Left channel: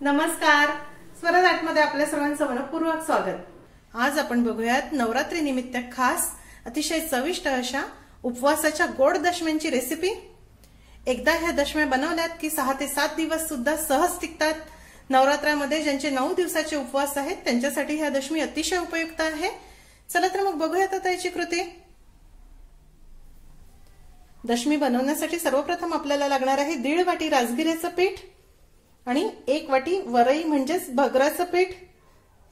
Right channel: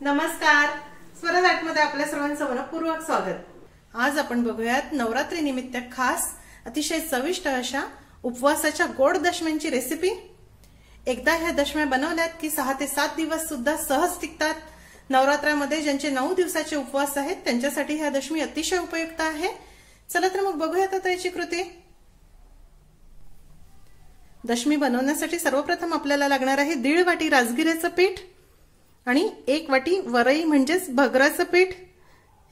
नमस्कार, स्वराजमध्ये आपल्या सर्वांचं मनपूर्वक स्वागत। आज आपण बघूयात नवरात्री निमित्त खास अतिशय चविष्ट अशा उपवासाच्या गोड दशम्यांची रेसिपी। एकदा ह्या दशम्या बनवल्यात की 6 ते 7 दिवस सुद्धा सहज टिकतात। नवरात्रामध्ये ज्यांचे 9 दिवसाचे उपवास आहेत त्यांच्यासाठी ह्या दशमी अतिशय उपयुक्त आहे। चला तर मग बघूयात आता याची कृती। दशमी बनवण्यासाठी सर्वप्रथम आपल्याला लागणार आहे 1.5 वाटी राजगिऱ्याचं पीठ आणि 1 वाटी वरई म्हणजेच भगराचं पीठ।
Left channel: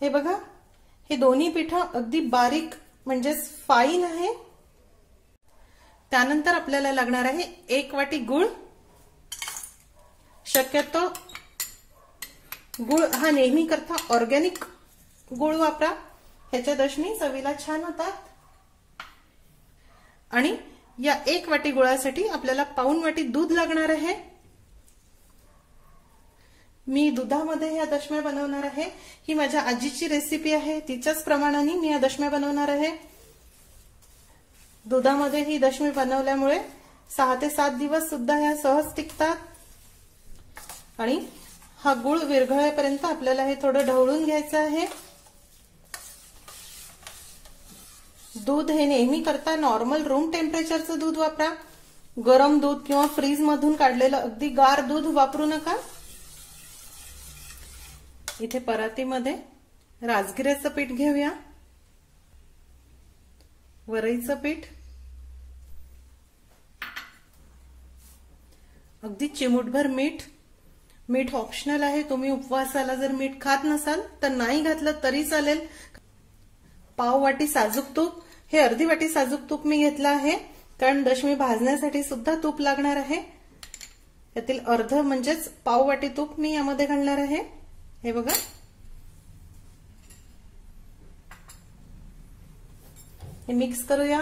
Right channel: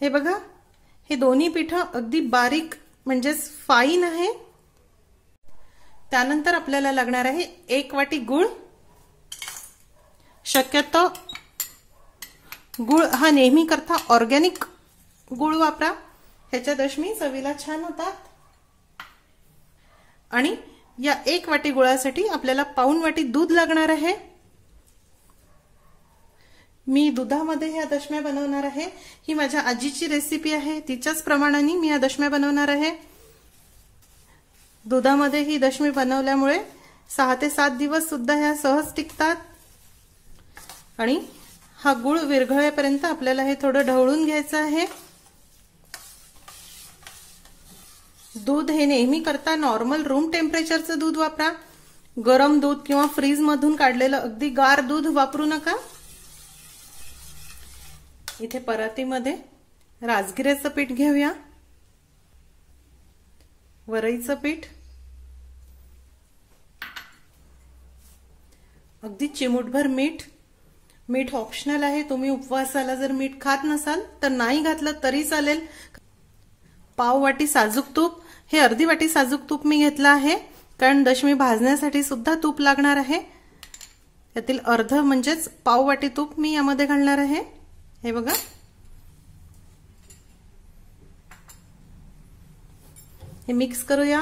हे बघा, हे दोन्ही पीठ अगदी बारीक म्हणजेच फाईन आहे। त्यानंतर आपल्याला लागणार आहे 1 वाटी गूळ। शक्यतो गूळ हा नेहमी करता ऑर्गॅनिक गूळ वापरा, ह्याच्या दशमी चवीला छान होतात। आणि या 1 वाटी गुळासाठी आपल्याला पाऊण वाटी दूध लागणार आहे। मी दुधामध्ये ह्या दशम्या बनवणार आहे। ही माझ्या आजीची रेसिपी आहे, तिच्याच प्रमाणाने मी या दशम्या बनवणार आहे। दुधामध्ये ही दशमी बनवल्यामुळे 6 ते 7 दिवस सुद्धा ह्या सहज टिकतात। आणि हा गूळ विरघळेपर्यंत आपल्याला हे थोडं ढवळून घ्यायचं आहे। दूध हे नेहमी करता नॉर्मल रूम टेम्परेचरचं दूध वापरा, गरम दूध किंवा फ्रीज मधून काढलेलं अगदी गार दूध वापरू नका। इथे परातीमध्ये राजगिऱ्याचं पीठ घेऊया, वरईचं पीठ, अगदी चिमूटभर मीठ। मीठ ऑप्शनल आहे, तुम्ही उपवासाला जर मीठ खात नसाल तर नाही घातलं तरी चालेल। पाव वाटी साजूक तूप, हे अर्धी वाटी साजूक तूप मी घेतलं आहे, कारण दशमी भाजण्यासाठी सुद्धा तूप लागणार आहे। त्यातील अर्ध म्हणजेच पाव वाटी तूप मी यामध्ये घालणार आहे। हे बघा, हे मिक्स करूया।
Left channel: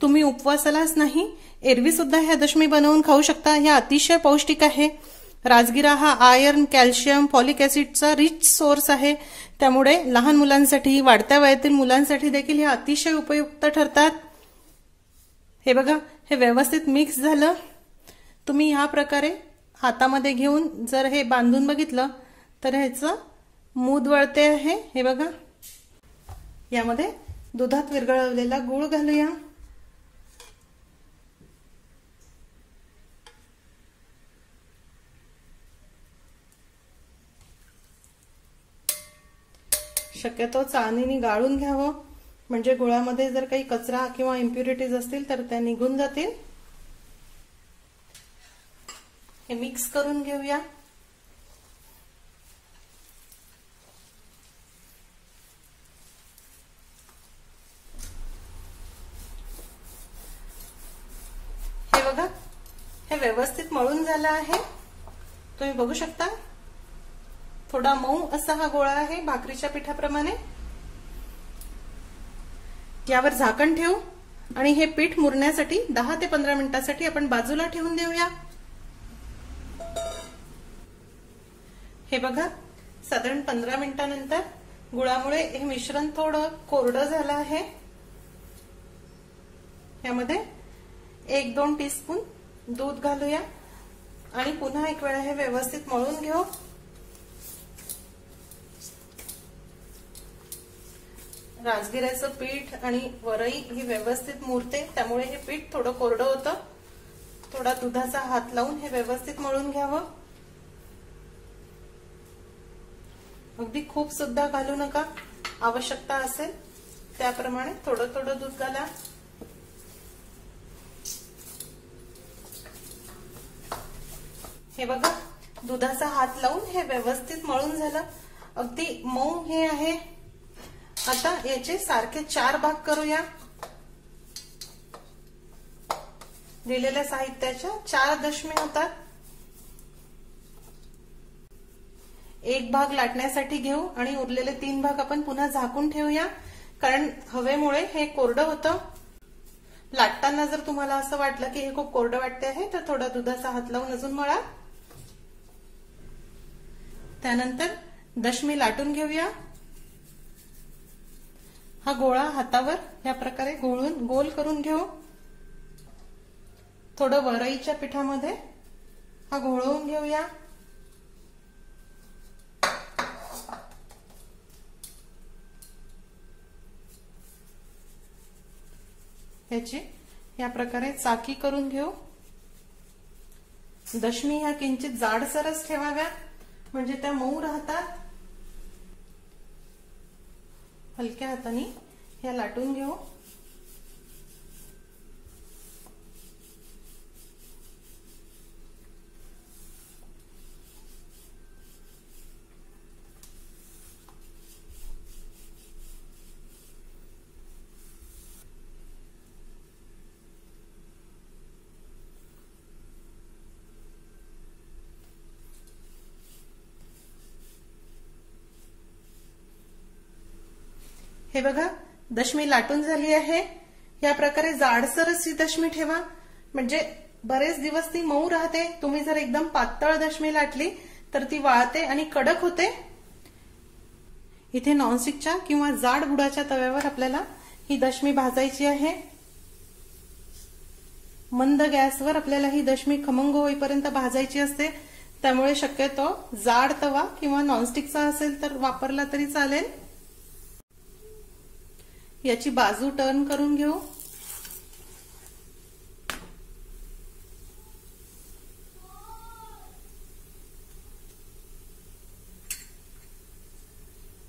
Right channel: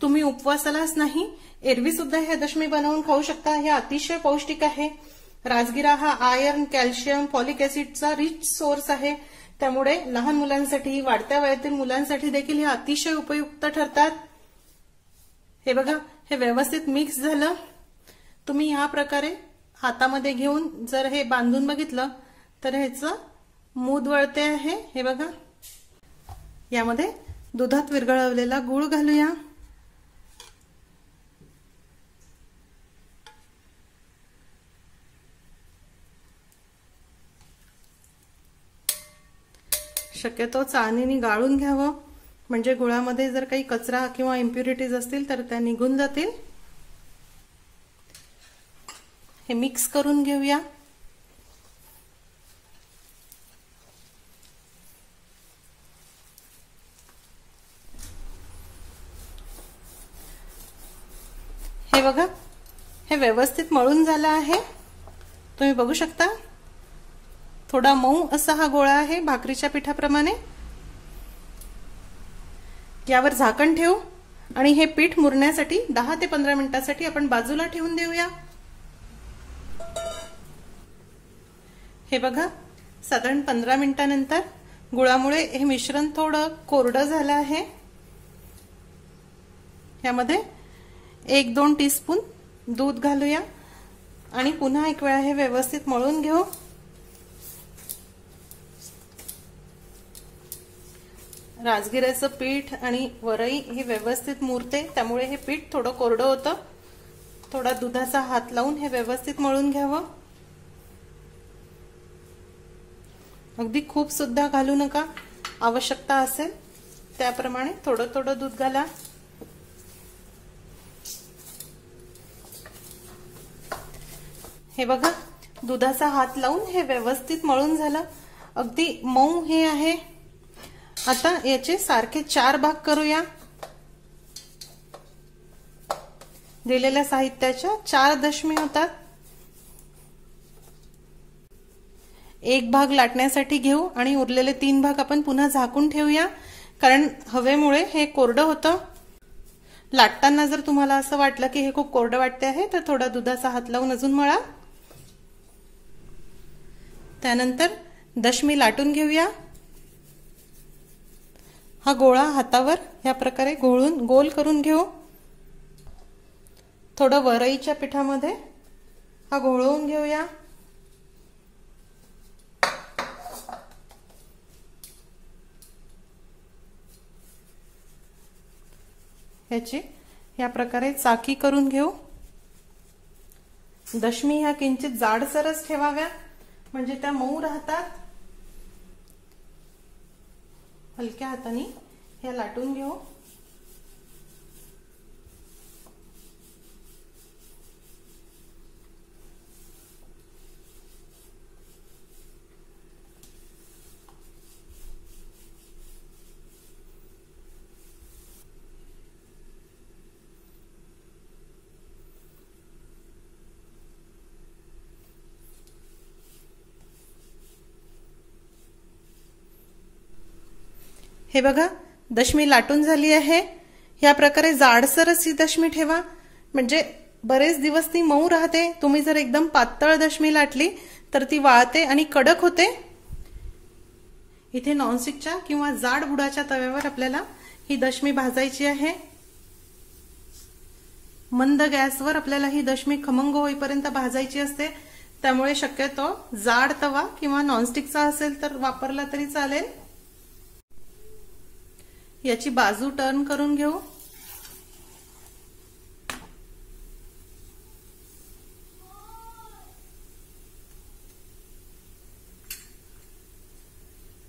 तुम्ही उपवासालाच नाही, एरवी सुद्धा ह्या दशमी बनवून खाऊ शकता। ह्या अतिशय पौष्टिक आहे। राजगिरा हा आयर्न, कॅल्शियम, फॉलिक ऍसिडचा रिच सोर्स आहे, त्यामुळे लहान मुलांसाठी, वाढत्या वयातील मुलांसाठी देखील हे अतिशय उपयुक्त ठरतात। हे बघा, हे व्यवस्थित मिक्स झालं। तुम्ही ह्या प्रकारे हातामध्ये घेऊन जर हे बांधून बघितलं तर ह्याचं मूद वळते आहे। हे बघा, यामध्ये दुधात विरघळवलेला गूळ घालूया। शक्यतो चाळणीने गाळून घ्यावं, म्हणजे गुळामध्ये जर काही कचरा किंवा इम्प्युरिटीज असतील तर त्या निघून जातील। हे मिक्स करून घेऊया। हे बघा, हे व्यवस्थित मळून झालं आहे, तुम्ही बघू शकता। थोडा मऊ असा हा गोळा आहे, भाकरीच्या पिठाप्रमाणे। यावर झाकण ठेवू आणि हे पीठ मुरण्यासाठी 10 ते 15 मिनिटांसाठी आपण बाजूला ठेवून देऊया। हे बघा, साधारण 15 मिनिटांनंतर गुळामुळे हे मिश्रण थोडं कोरडं झालं आहे। यामध्ये 1-2 टीस्पून दूध घालूया आणि पुन्हा एक वेळा हे व्यवस्थित मळून घेऊ। राजगिऱ्याचं पीठ आणि वरई ही व्यवस्थित मुरते, त्यामुळे हे पीठ थोडं कोरडं होतं। थोडा दुधाचा हात लावून हे व्यवस्थित मळून घ्यावं। अगदी खूप सुद्धा घालू नका, आवश्यकता असेल त्याप्रमाणे थोडं थोडं दूध घाला। हे बघा, दुधाचा हात लावून हे व्यवस्थित मळून झालं, अगदी मऊ हे आहे। आता याचे सारखे 4 भाग करूया। दिलेल्या साहित्याच्या 4 दशमी होतात। 1 भाग लाटण्यासाठी घेऊ आणि उरलेले 3 भाग आपण पुन्हा झाकून ठेवूया, कारण हवेमुळे हे कोरडं होतं। लाटताना जर तुम्हाला असं वाटलं की हे खूप कोरडं वाटते आहे तर थोडा दुधाचा हात लावून अजून मळा। त्यानंतर दशमी लाटून घेऊया। हा गोळा हातावर या प्रकारे गोळून गोल करून घेऊ। थोडं वरईच्या पिठामध्ये हा घोळवून घेऊया। याची या प्रकारे चाकी करून घेऊ। दशमी ह्या किंचित जाडसरच ठेवाव्या म्हणजे त्या मऊ राहतात। हलक्या हाताने ह्या लाटून घेऊ। हे बघा दशमी लाटून झाली आहे। या प्रकारे जाडसरच ही दशमी ठेवा म्हणजे बरेच दिवस ती मऊ राहते। तुम्ही जर एकदम पातळ दशमी लाटली तर ती वाळते आणि कडक होते। इथे नॉनस्टिकच्या किंवा जाड बुडाच्या तव्यावर आपल्याला ही दशमी भाजायची आहे। मंद गॅसवर आपल्याला ही दशमी खमंग होईपर्यंत भाजायची असते। त्यामुळे शक्यतो जाड तवा किंवा नॉनस्टिकचा असेल तर वापरला तरी चालेल। याची बाजू टर्न करून घेऊ।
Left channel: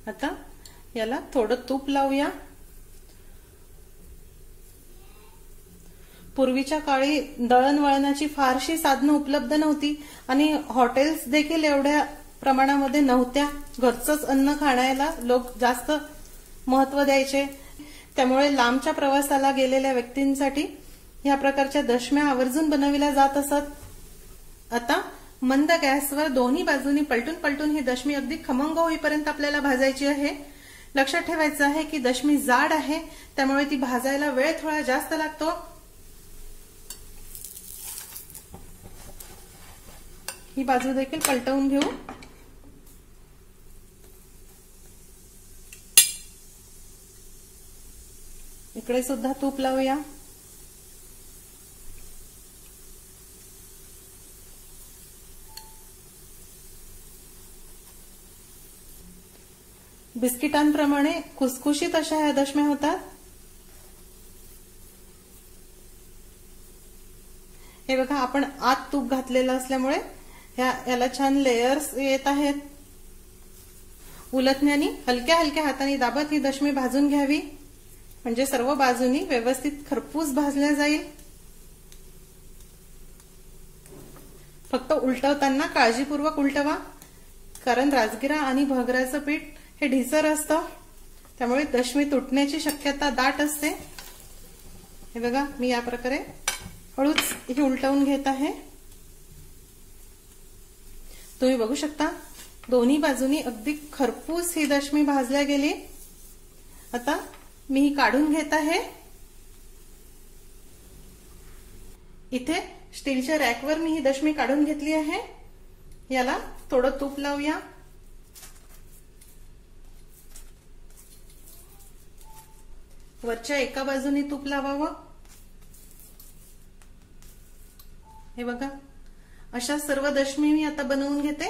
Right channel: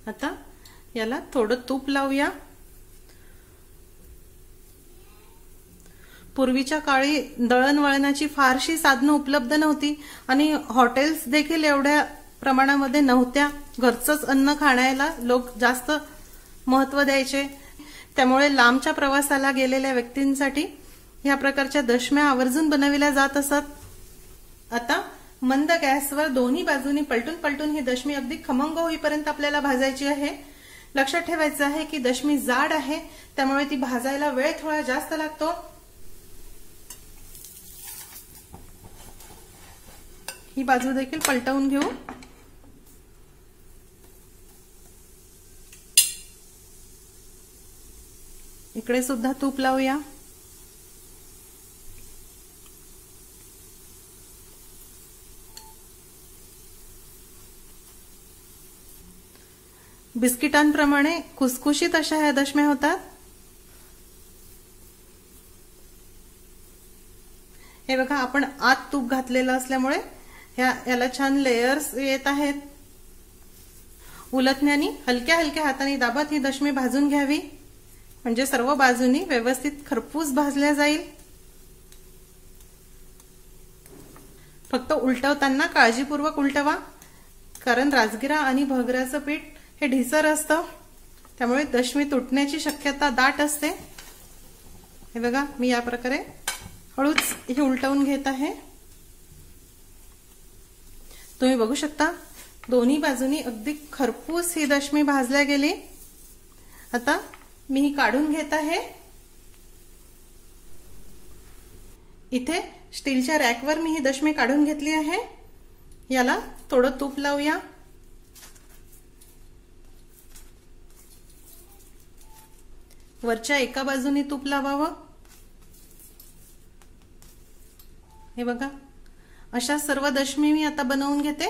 आता याला थोडं तूप लावूया। पूर्वीच्या काळी दळणवळणाची फारशी साधनं उपलब्ध नव्हती आणि हॉटेल्स देखील एवढ्या प्रमाणामध्ये नव्हत्या। घरचंच अन्न खाण्याला लोक जास्त महत्त्व द्यायचे। त्यामुळे लांबच्या प्रवासाला गेलेल्या व्यक्तींसाठी या प्रकारच्या दशम्या आवर्जून बनविल्या जात असत। आता मंद गॅसवर दोन्ही बाजूनी पलटून पलटून ही दशमी अगदी खमंग होईपर्यंत आपल्याला भाजायची आहे। लक्षात ठेवायचं आहे की दशमी जाड आहे त्यामुळे ती भाजायला वेळ थोडा जास्त लागतो। ही बाजू देखील पलटवून घेऊ। इकडे सुद्धा तूप लावूया। बिस्किटांप्रमाणे खुसखुशीत अशा ह्या दशम्या होतात। हे बघा आपण आत तूप घातलेलं असल्यामुळे याला छान लेयर्स येत आहेत। उलटण्याने हलक्या हलक्या हाताने दाबत ही दशमी भाजून घ्यावी म्हणजे सर्व बाजूनी व्यवस्थित खरपूस भाजल्या जाईल। फक्त उलटवताना काळजीपूर्वक उलटवा कारण राजगिरा आणि भगऱ्याचं पीठ हे ढिसर असतं त्यामुळे दशमी तुटण्याची शक्यता दाट असते। हे बघा मी या प्रकारे हळूच ही उलटवून घेत आहे। तुम्ही बघू शकता दोन्ही बाजूनी अगदी खरपूस ही दशमी भाजल्या गेली। आता मी ही काढून घेत आहे। इथे स्टीलच्या रॅकवर मी ही दशमी काढून घेतली आहे। याला थोडं तूप लावूया। वरच्या एका बाजूने तूप लावावं। हे बघा अशा सर्व दशमी मी आता बनवून घेते।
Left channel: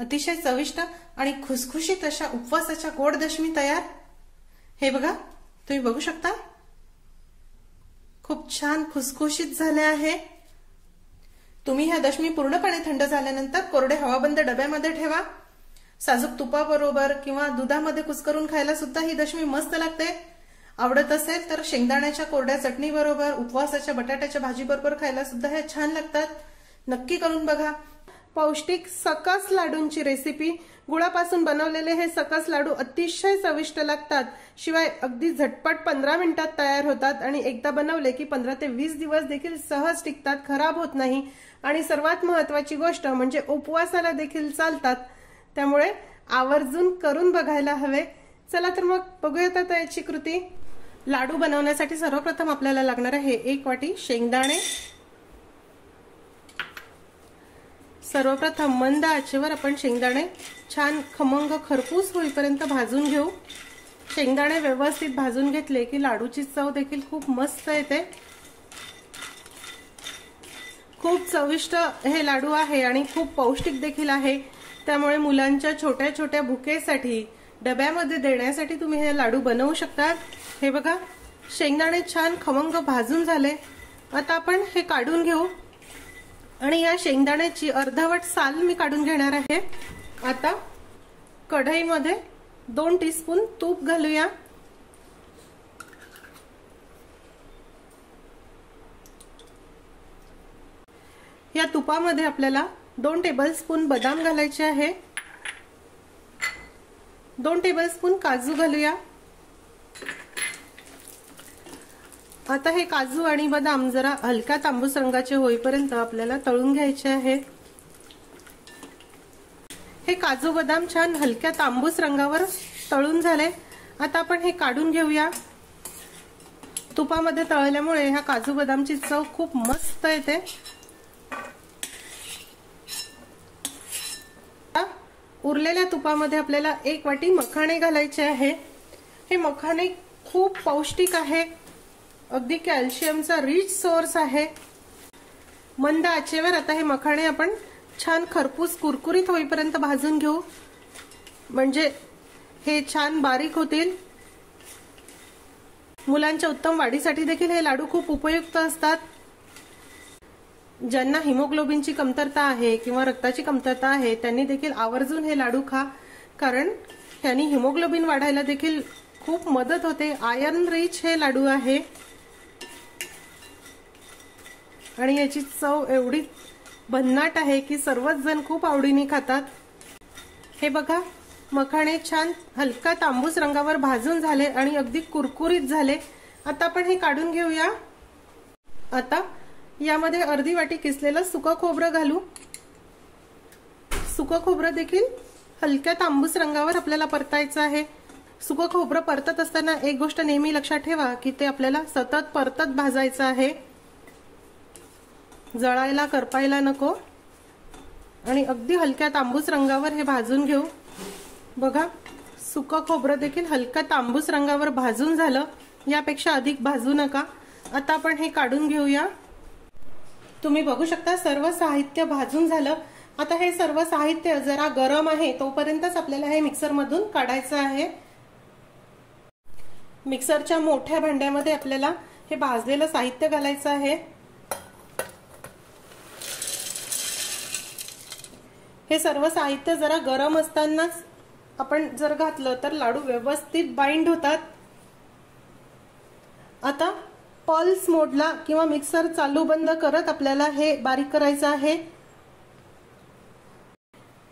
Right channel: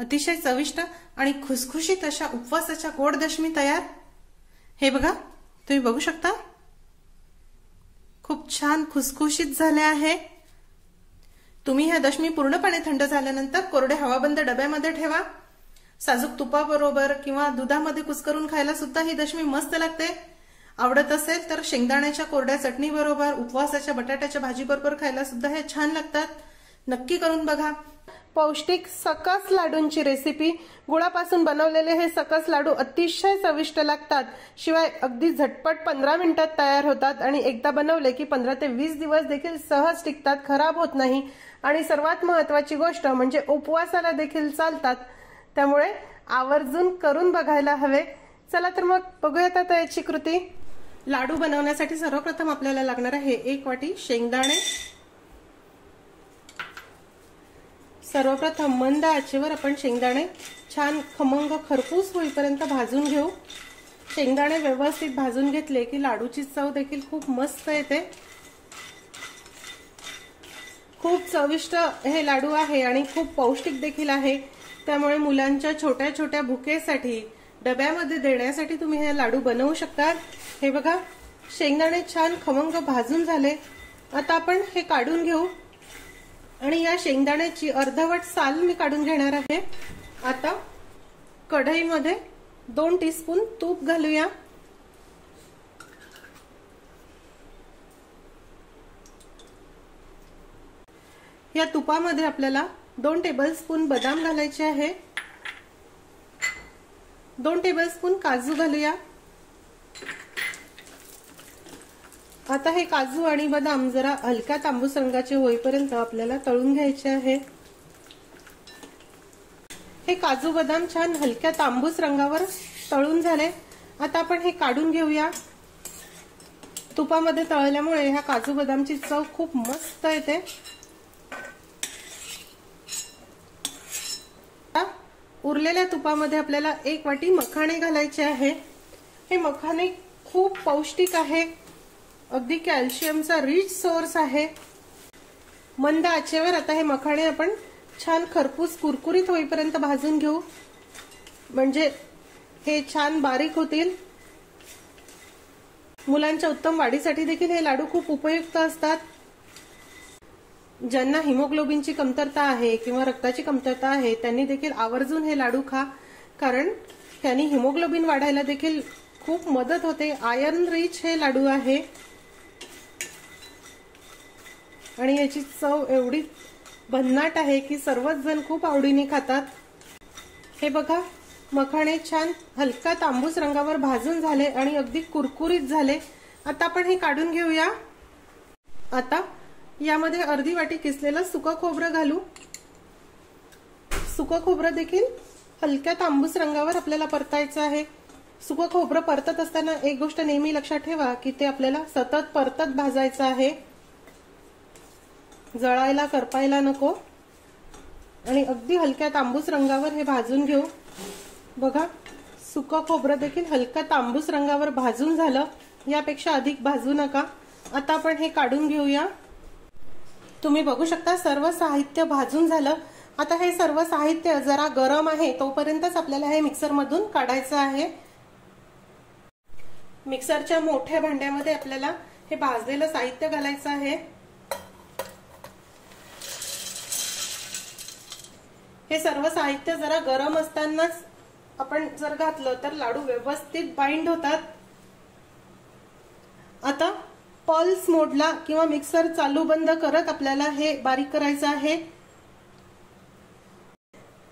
अतिशय चविष्ट आणि खुसखुशीत अशा उपवासाच्या गोड दशमी तयार। हे बघा तुम्ही बघू शकता खूप छान खुसखुशीत झाले आहे। तुम्ही ह्या दशमी पूर्णपणे थंड झाल्यानंतर कोरडे हवाबंद डब्यामध्ये ठेवा। साजूक तुपाबरोबर किंवा दुधामध्ये कुस्करून खायला सुद्धा ही दशमी मस्त लागते। आवडत असेल तर शेंगदाण्याच्या कोरड्या चटणी बरोबर उपवासाच्या बटाट्याच्या भाजी बरोबर खायला सुद्धा हे छान लागतात। नक्की करून बघा। पौष्टिक सकस लाडूंची रेसिपी। गुळापासून बनवलेले हे सकस लाडू अतिशय चविष्ट लागतात। शिवाय अगदी झटपट 15 मिनिटात तयार होतात आणि एकदा बनवले की 15 ते 20 दिवस देखील सहज टिकतात, खराब होत नाही आणि सर्वात महत्त्वाची गोष्ट म्हणजे उपवासाला देखील चालतात। त्यामुळे आवर्जून करून बघायला हवे। चला तर मग बघूयात आता याची कृती। लाडू बनवण्यासाठी सर्वप्रथम आपल्याला लागणार आहे 1 वाटी शेंगदाणे। सर्वप्रथम मंद आचेवर आपण शेंगदाणे छान खमंग खरपूस होईपर्यंत भाजून घेऊ। शेंगदाणे व्यवस्थित भाजून घेतले की लाडूची चव देखील खूप मस्त येते। खूप चविष्ट हे लाडू आहे आणि खूप पौष्टिक देखील आहे, त्यामुळे मुलांच्या छोट्या छोट्या भुकेसाठी डब्यामध्ये देण्यासाठी तुम्ही हे लाडू बनवू शकता। हे बघा, शेंगदाणे छान खवंग भाजून झाले। आता आपण हे काढून घेऊ आणि या शेंगदाण्याची अर्धवट साल मी काढून घेणार आहे। आता कढईमध्ये 2 टीस्पून तूप घालूया। या तुपामध्ये आपल्याला 2 टेबलस्पून बदाम घालायचे आहे, 2 टेबलस्पून काजू घालूया। आता हे काजू आणि बदाम जरा हलक्या तांबूस रंगाचे होईपर्यंत आपल्याला तळून घ्यायचे आहे। हे काजू बदाम छान हलक्या तांबूस रंगावर तळून झाले। आता आपण हे काढून घेऊया। तुपामध्ये तळल्यामुळे ह्या काजू बदामची चव खूप मस्त येते। उरलेल्या तुपामध्ये आपल्याला 1 वाटी मखाणे घालायचे आहे। हे मखाणे खूप पौष्टिक आहे, अगदी कॅल्शियमचा रिच सोर्स आहे। मंद आचेवर आता हे मखाणे आपण छान खरपूस कुरकुरीत होईपर्यंत भाजून घेऊ, म्हणजे हे छान बारीक होतील। मुलांच्या उत्तम वाढीसाठी देखील हे लाडू खूप उपयुक्त असतात। ज्यांना हिमोग्लोबिनची कमतरता आहे किंवा रक्ताची कमतरता आहे त्यांनी देखील आवर्जून हे लाडू खा, कारण त्यांनी हिमोग्लोबिन वाढायला देखील खूप मदत होते। आयर्न रिच हे लाडू आहे आणि याची चव एवढी भन्नाट आहे की सर्वच जण खूप आवडीने खातात। हे बघा, मखाणे छान हलका तांबूस रंगावर भाजून झाले आणि अगदी कुरकुरीत झाले। आता आपण हे काढून घेऊया। आता यामध्ये अर्धी वाटी किसलेलं सुकं खोबरं घालू। सुकं खोबरं देखील हलक्या तांबूस रंगावर आपल्याला परतायचं आहे। सुकं खोबरं परतत असताना एक गोष्ट नेहमी लक्षात ठेवा की ते आपल्याला सतत परतत भाजायचं आहे, जळायला करपायला नको। आणि अगदी हलक्या तांबूस रंगावर हे भाजून घेऊ। बघा, सुकं खोबरं देखील हलक्या तांबूस रंगावर भाजून झालं, यापेक्षा अधिक भाजू नका। आता आपण हे काढून घेऊया। तुम्ही बघू शकता सर्व साहित्य भाजून झालं। आता हे सर्व साहित्य जरा गरम आहे तोपर्यंतच आपल्याला हे मिक्सर मधून काढायचं आहे। मिक्सरच्या मोठ्या भांड्यामध्ये आपल्याला हे भाजलेलं साहित्य घालायचं आहे। हे सर्व साहित्य जरा गरम असतानाच आपण जर घातलं तर लाडू व्यवस्थित बाइंड होतात। आता पल्स मोडला किंवा मिक्सर चालू बंद करत आपल्याला हे बारीक करायचं आहे।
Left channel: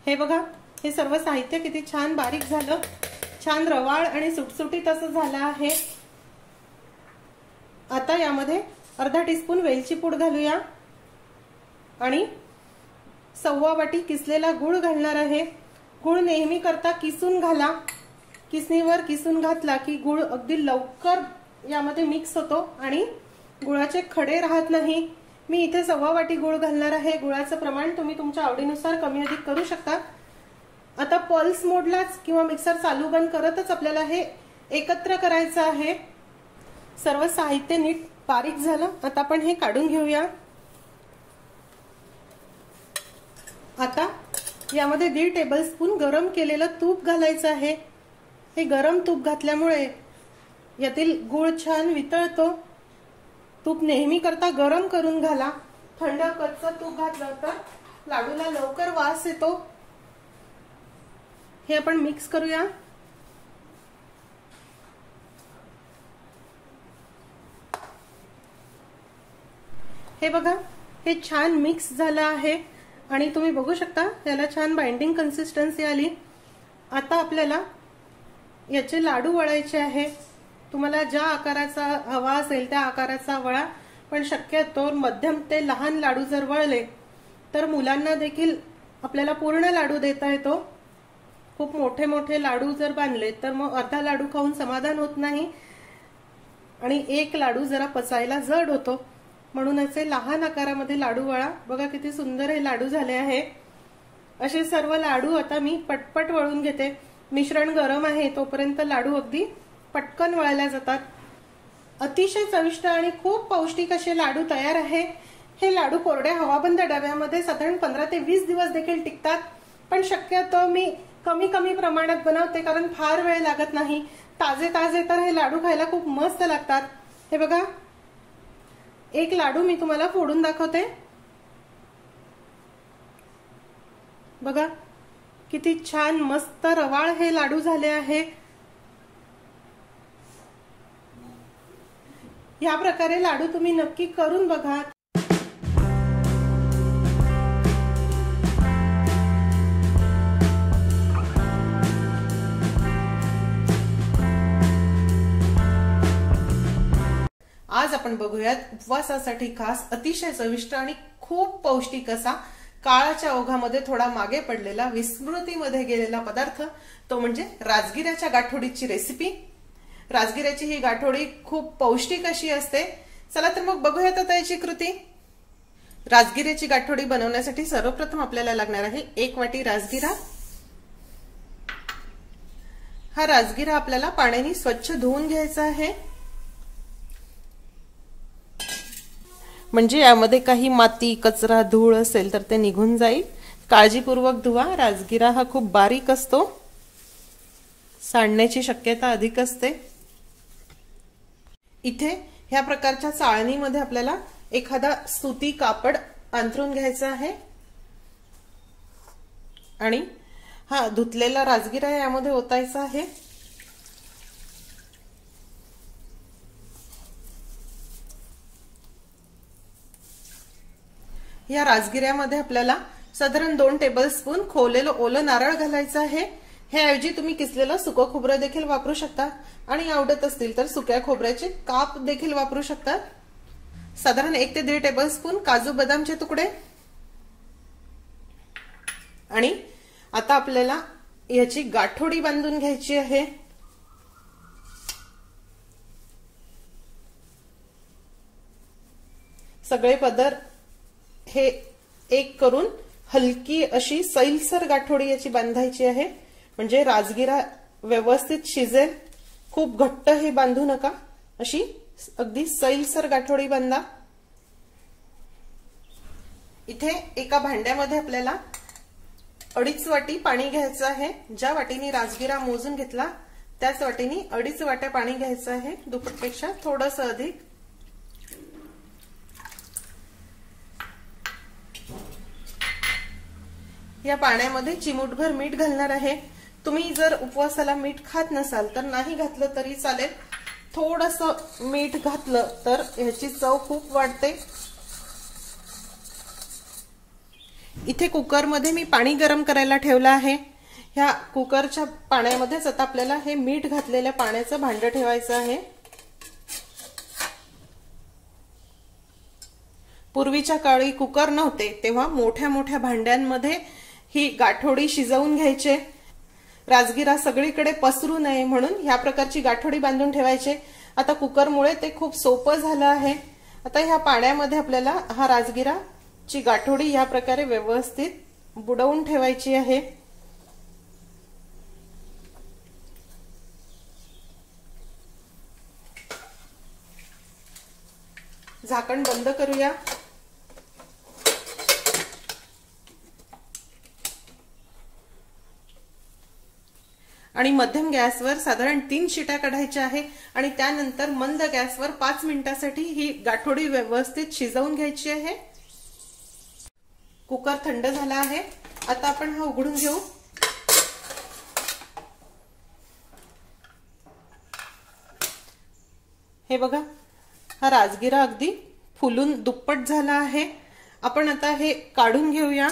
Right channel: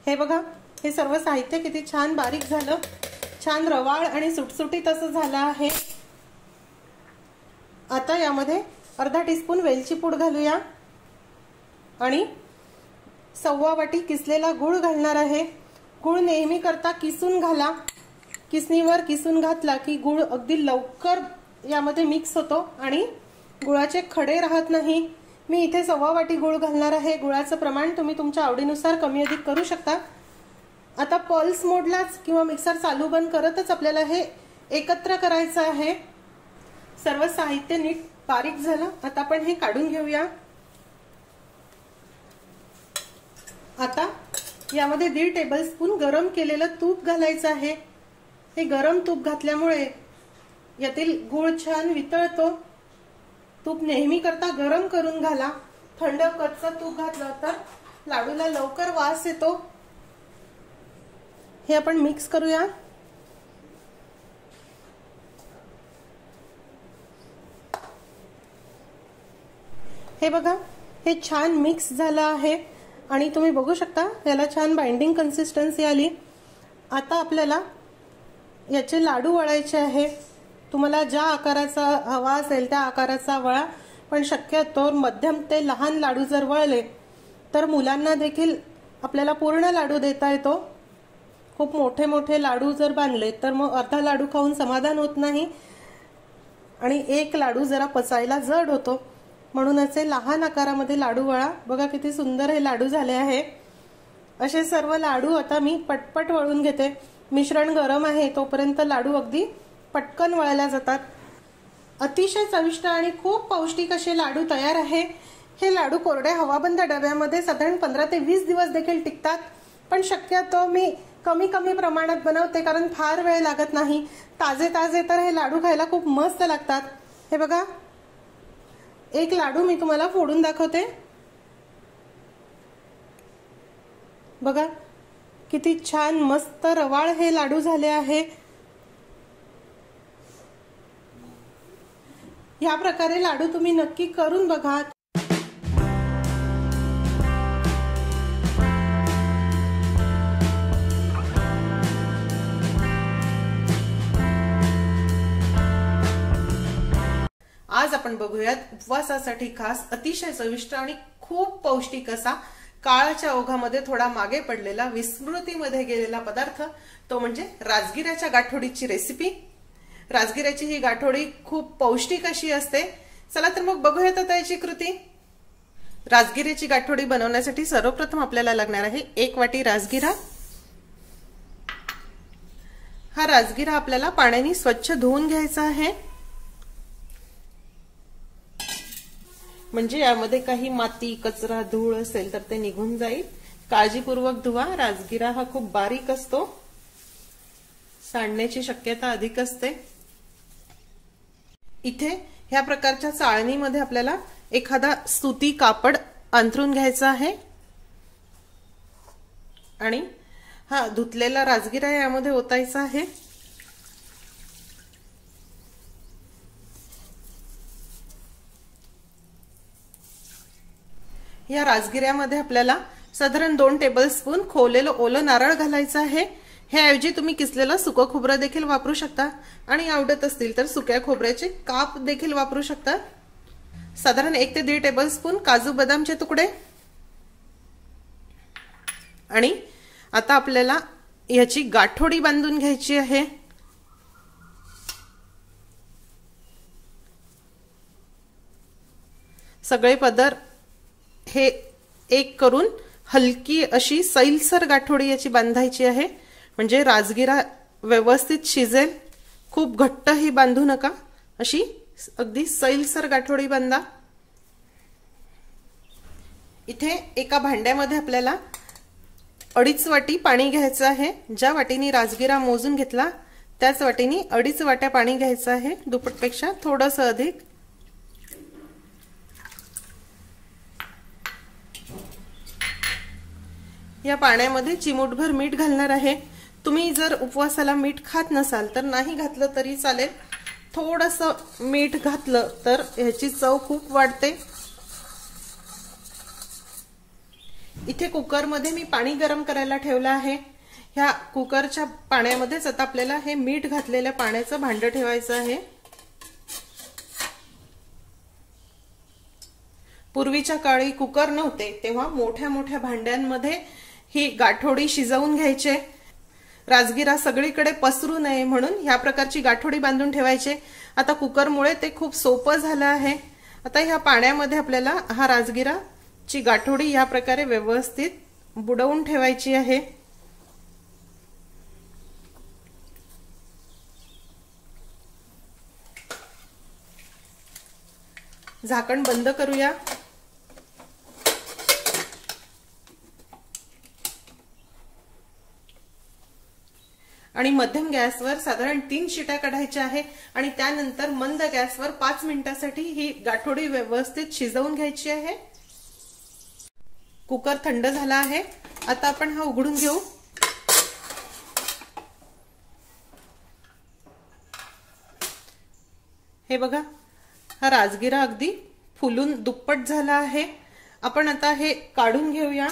हे बघा, हे सर्व साहित्य किती छान बारीक झालं, छान रवाळ आणि सुटसुटीत असं झालं आहे। आता यामध्ये अर्धा टीस्पून वेलची पूड घालूया आणि 1/4 वाटी किसलेला गूळ घालणार आहे। गूळ नेहमी करता किसून घाला, किसणीवर किसून घातला की गूळ अगदी लवकर यामध्ये मिक्स होतो आणि गुळाचे खडे राहत नाही। मी इथे 1/4 वाटी गूळ घालणार आहे। गुळाचं प्रमाण तुम्ही तुमच्या आवडीनुसार कमी अधिक करू शकता। आता पल्स मोडलाच किंवा मिक्सर चालू बंद करतच आपल्याला हे एकत्र करायचं आहे। सर्व साहित्य नीट बारीक झालं। आता आपण हे काढून घेऊया। आता यामध्ये 1.5 टेबलस्पून गरम केलेलं तूप घालायचं आहे। हे गरम तूप घातल्यामुळे यातील गूळ छान वितळतो। तूप नेहमी करता गरम करून घाला, थंड कच्चं तूप घातलं तर लाडूला लवकर वास येतो। हे आपण मिक्स करूया। हे बघा, हे छान मिक्स झालं आहे आणि तुम्ही बघू शकता याला छान बाइंडिंग कन्सिस्टन्सी आली। आता आपल्याला याचे लाडू वळायचे आहे। तुम्हाला ज्या आकाराचा हवा असेल त्या आकाराचा वळा, पण शक्यतो मध्यम ते लहान लाडू जर वळले तर मुलांना देखील आपल्याला पूर्ण लाडू देता येतो। खूप मोठे मोठे लाडू जर बांधले तर मग अर्धा लाडू खाऊन समाधान होत नाही आणि एक लाडू जरा पचायला जड होतो, म्हणून असे लहान आकारामध्ये लाडू वळा। बघा किती सुंदर हे लाडू झाले आहे। असे सर्व लाडू आता मी पटपट वळून घेते। मिश्रण गरम आहे तोपर्यंत लाडू अगदी पटकन वळल्या जातात। अतिशय चविष्ट आणि खूप पौष्टिक असे लाडू तयार आहे। हे लाडू कोरड्या हवाबंद डब्यामध्ये साधारण 15 ते 20 दिवस देखील टिकतात, पण शक्यतो मी कमी प्रमाणात बनवते कारण फार वेळ लागत नाही। ताजे ताजे तर हे लाडू खायला खूप मस्त लागतात। हे बघा, एक लाडू मी तुम्हाला फोडून दाखवते। बघा किती छान मस्त रवाळ हे लाडू झाले आहे। या प्रकारे लाडू तुम्ही नक्की करून बघा। आज आपण बघूयात उपवासासाठी खास अतिशय चविष्ट आणि खूप पौष्टिक असा काळाच्या ओघामध्ये थोडा मागे पडलेला विस्मृतीमध्ये गेलेला पदार्थ, तो म्हणजे राजगिऱ्याच्या गाठोडीची रेसिपी। राजगिऱ्याची ही गाठोडी खूप पौष्टिक अशी असते। चला तर मग बघूयात आता याची कृती। राजगिऱ्याची गाठोडी बनवण्यासाठी सर्वप्रथम आपल्याला लागणार आहे 1 वाटी राजगिरा। हा राजगिरा आपल्याला पाण्याने स्वच्छ धुवून घ्यायचा आहे, म्हणजे यामध्ये काही माती कचरा धूळ असेल तर ते निघून जाईल। काळजीपूर्वक धुवा। राजगिरा हा खूप बारीक असतो, सांडण्याची शक्यता अधिक असते। इथे ह्या प्रकारच्या चाळणीमध्ये आपल्याला एखादा सुती कापड अंथरून घ्यायचा आहे आणि हा धुतलेला राजगिरा यामध्ये ओतायचा आहे। या राजगिऱ्यामध्ये आपल्याला साधारण 2 टेबलस्पून खोवलेलं ओलं नारळ घालायचं आहे। ह्याऐवजी तुम्ही किसलेलं सुकं खोबरं देखील वापरू शकता आणि आवडत असतील तर सुक्या खोबऱ्याचे काप देखील वापरू शकता। साधारण 1 ते 1.5 टेबलस्पून काजू बदामचे तुकडे। आणि आता आपल्याला याची गाठोडी बांधून घ्यायची आहे। सगळे पदर हे एक करून हलकी अशी सैलसर गाठोडी याची बांधायची आहे, म्हणजे राजगिरा व्यवस्थित शिजेल। खूप घट्ट ही बांधू नका, अशी अगदी सैलसर गाठोडी बांधा। इथे एका भांड्यामध्ये आपल्याला 2.5 वाटी पाणी घ्यायचं आहे। ज्या वाटीने राजगिरा मोजून घेतला त्याच वाटीने 2.5 वाट्या पाणी घ्यायचं आहे, दुप्पटपेक्षा थोडंसं अधिक। या पाण्यामध्ये चिमूटभर मीठ घालणार आहे। तुम्ही जर उपवासाला मीठ खात नसाल तर नाही घातलं तरी चालेल, थोडंसं मीठ घातलं तर ह्याची चव खूप वाढते। इथे कुकरमध्ये मी पाणी गरम करायला ठेवलं आहे। ह्या कुकरच्या पाण्यामध्येच आता आपल्याला हे मीठ घातलेल्या पाण्याचं भांडं ठेवायचं आहे। पूर्वीच्या काळी कुकर नव्हते तेव्हा मोठ्या मोठ्या भांड्यांमध्ये ही गाठोडी शिजवून घ्यायचे। राजगिरा सगळीकडे पसरू नये म्हणून ह्या प्रकारची गाठोडी बांधून ठेवायचे। आता कुकरमुळे ते खूप सोपं झालं आहे। आता ह्या पाण्यामध्ये आपल्याला हा राजगिराची गाठोडी ह्या प्रकारे व्यवस्थित बुडवून ठेवायची आहे। झाकण बंद करूया। आणि मध्यम गॅसवर साधारण 3 शिट्या काढायच्या आहे आणि त्यानंतर मंद गॅसवर 5 मिनिटांसाठी ही गाठोडी व्यवस्थित शिजवून घ्यायची आहे। कुकर थंड झाला आहे, आता आपण हा उघडून घेऊ। हे बघा, हा राजगिरा अगदी फुलून दुप्पट झाला आहे। आपण आता हे काढून घेऊया।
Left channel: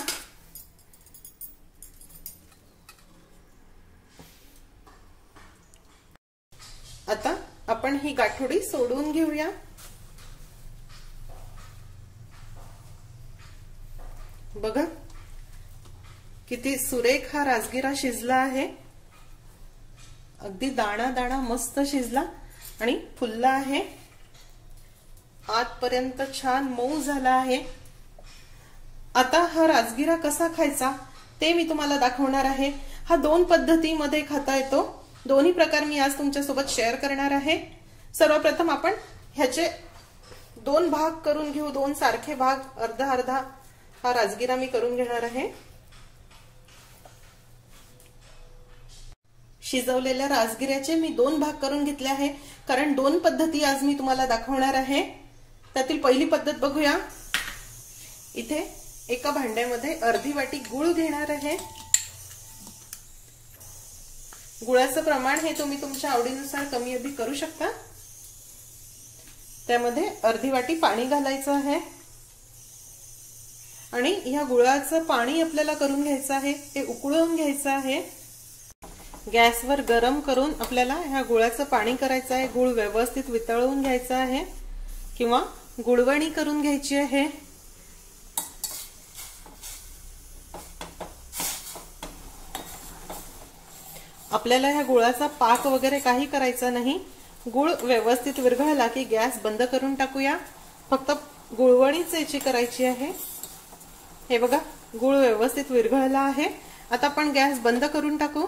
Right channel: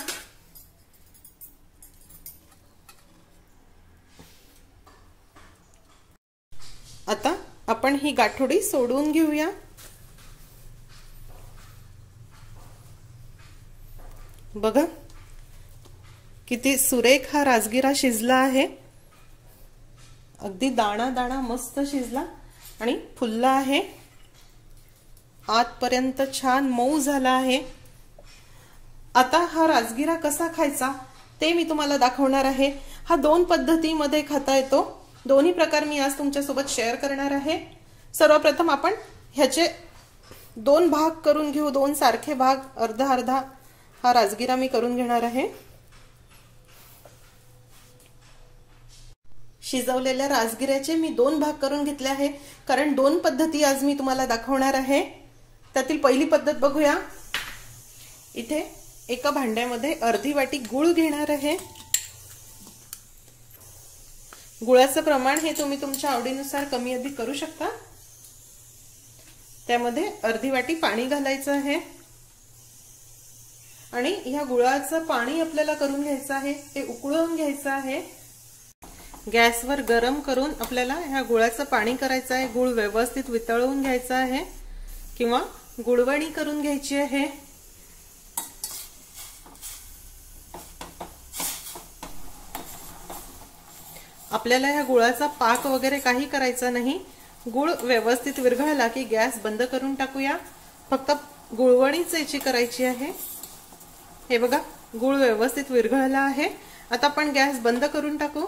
आता आपण ही गाठोडी सोडून घेऊया। बघा किती सुरेख हा राजगिरा शिजला आहे, अगदी दाणा दाणा मस्त शिजला आणि फुलला आहे, आतपर्यंत छान मऊ झाला आहे। आता हा राजगिरा कसा खायचा ते मी तुम्हाला दाखवणार आहे। हा 2 पद्धतीमध्ये खाता येतो। दोन्ही प्रकार मी आज तुमच्यासोबत शेअर करणार आहे। सर्वप्रथम आपण ह्याचे 2 भाग करून घेऊ, 2 सारखे भाग, अर्धा अर्धा हा राजगिरा मी करून घेणार आहे। शिजवलेल्या राजगिऱ्याचे मी 2 भाग करून घेतले आहे, कारण 2 पद्धती आज मी तुम्हाला दाखवणार आहे। त्यातील पहिली पद्धत बघूया। इथे एका भांड्यामध्ये अर्धी वाटी गूळ घेणार आहे। गुळाचं प्रमाण हे तुम्ही तुमच्या आवडीनुसार कमी अधिक करू शकता। त्यामध्ये अर्धी वाटी पाणी घालायचं आहे आणि ह्या गुळाचं पाणी आपल्याला करून घ्यायचं आहे, ते उकळवून घ्यायचं आहे। गॅसवर गरम करून आपल्याला ह्या गुळाचं पाणी करायचं आहे। गुळ व्यवस्थित वितळवून घ्यायचा आहे किंवा गुळवणी करून घ्यायची आहे। आपल्याला ह्या गुळाचा पाक वगैरे काही करायचा नाही। गुळ व्यवस्थित विरघळला की गॅस बंद करून टाकूया। फक्त गुळवणीच याची करायची आहे। हे बघा, गुळ व्यवस्थित विरघळला आहे। आता आपण गॅस बंद करून टाकू।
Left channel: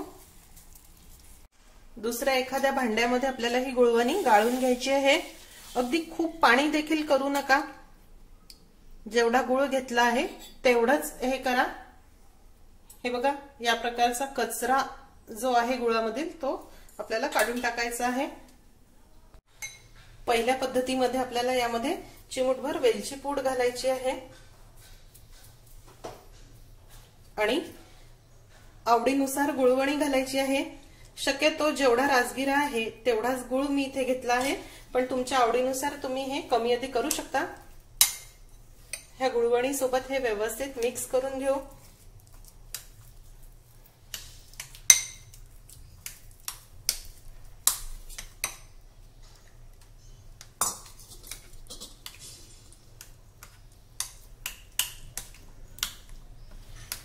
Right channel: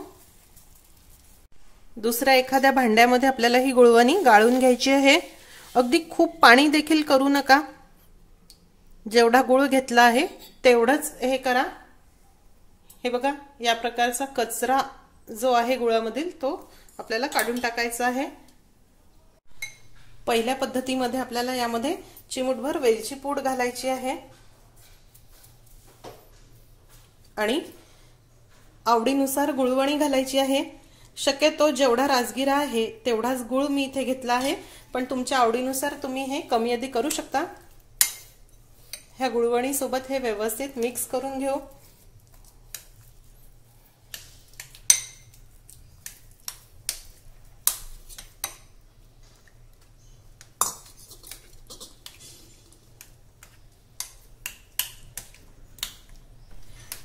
दुसऱ्या एखाद्या भांड्यामध्ये आपल्याला ही गुळवणी गाळून घ्यायची आहे। अगदी खूप पाणी देखील करू नका, जेवढा गुळ घेतला आहे तेवढंच हे करा। हे बघा, या प्रकारचा कचरा जो आहे गुळामधील तो आपल्याला काढून टाकायचा आहे। पहिल्या पद्धतीमध्ये आपल्याला यामध्ये चिमूटभर वेलची पूड घालायची आहे आणि आवडीनुसार गुळवणी घालायची आहे। शक्यतो जेवढा राजगिरा आहे तेवढाच गुळ मी इथे घेतला आहे, पण तुमच्या आवडीनुसार तुम्ही हे कमी अधिक करू शकता। ह्या गुळवणी सोबत हे व्यवस्थित मिक्स करून घेऊ।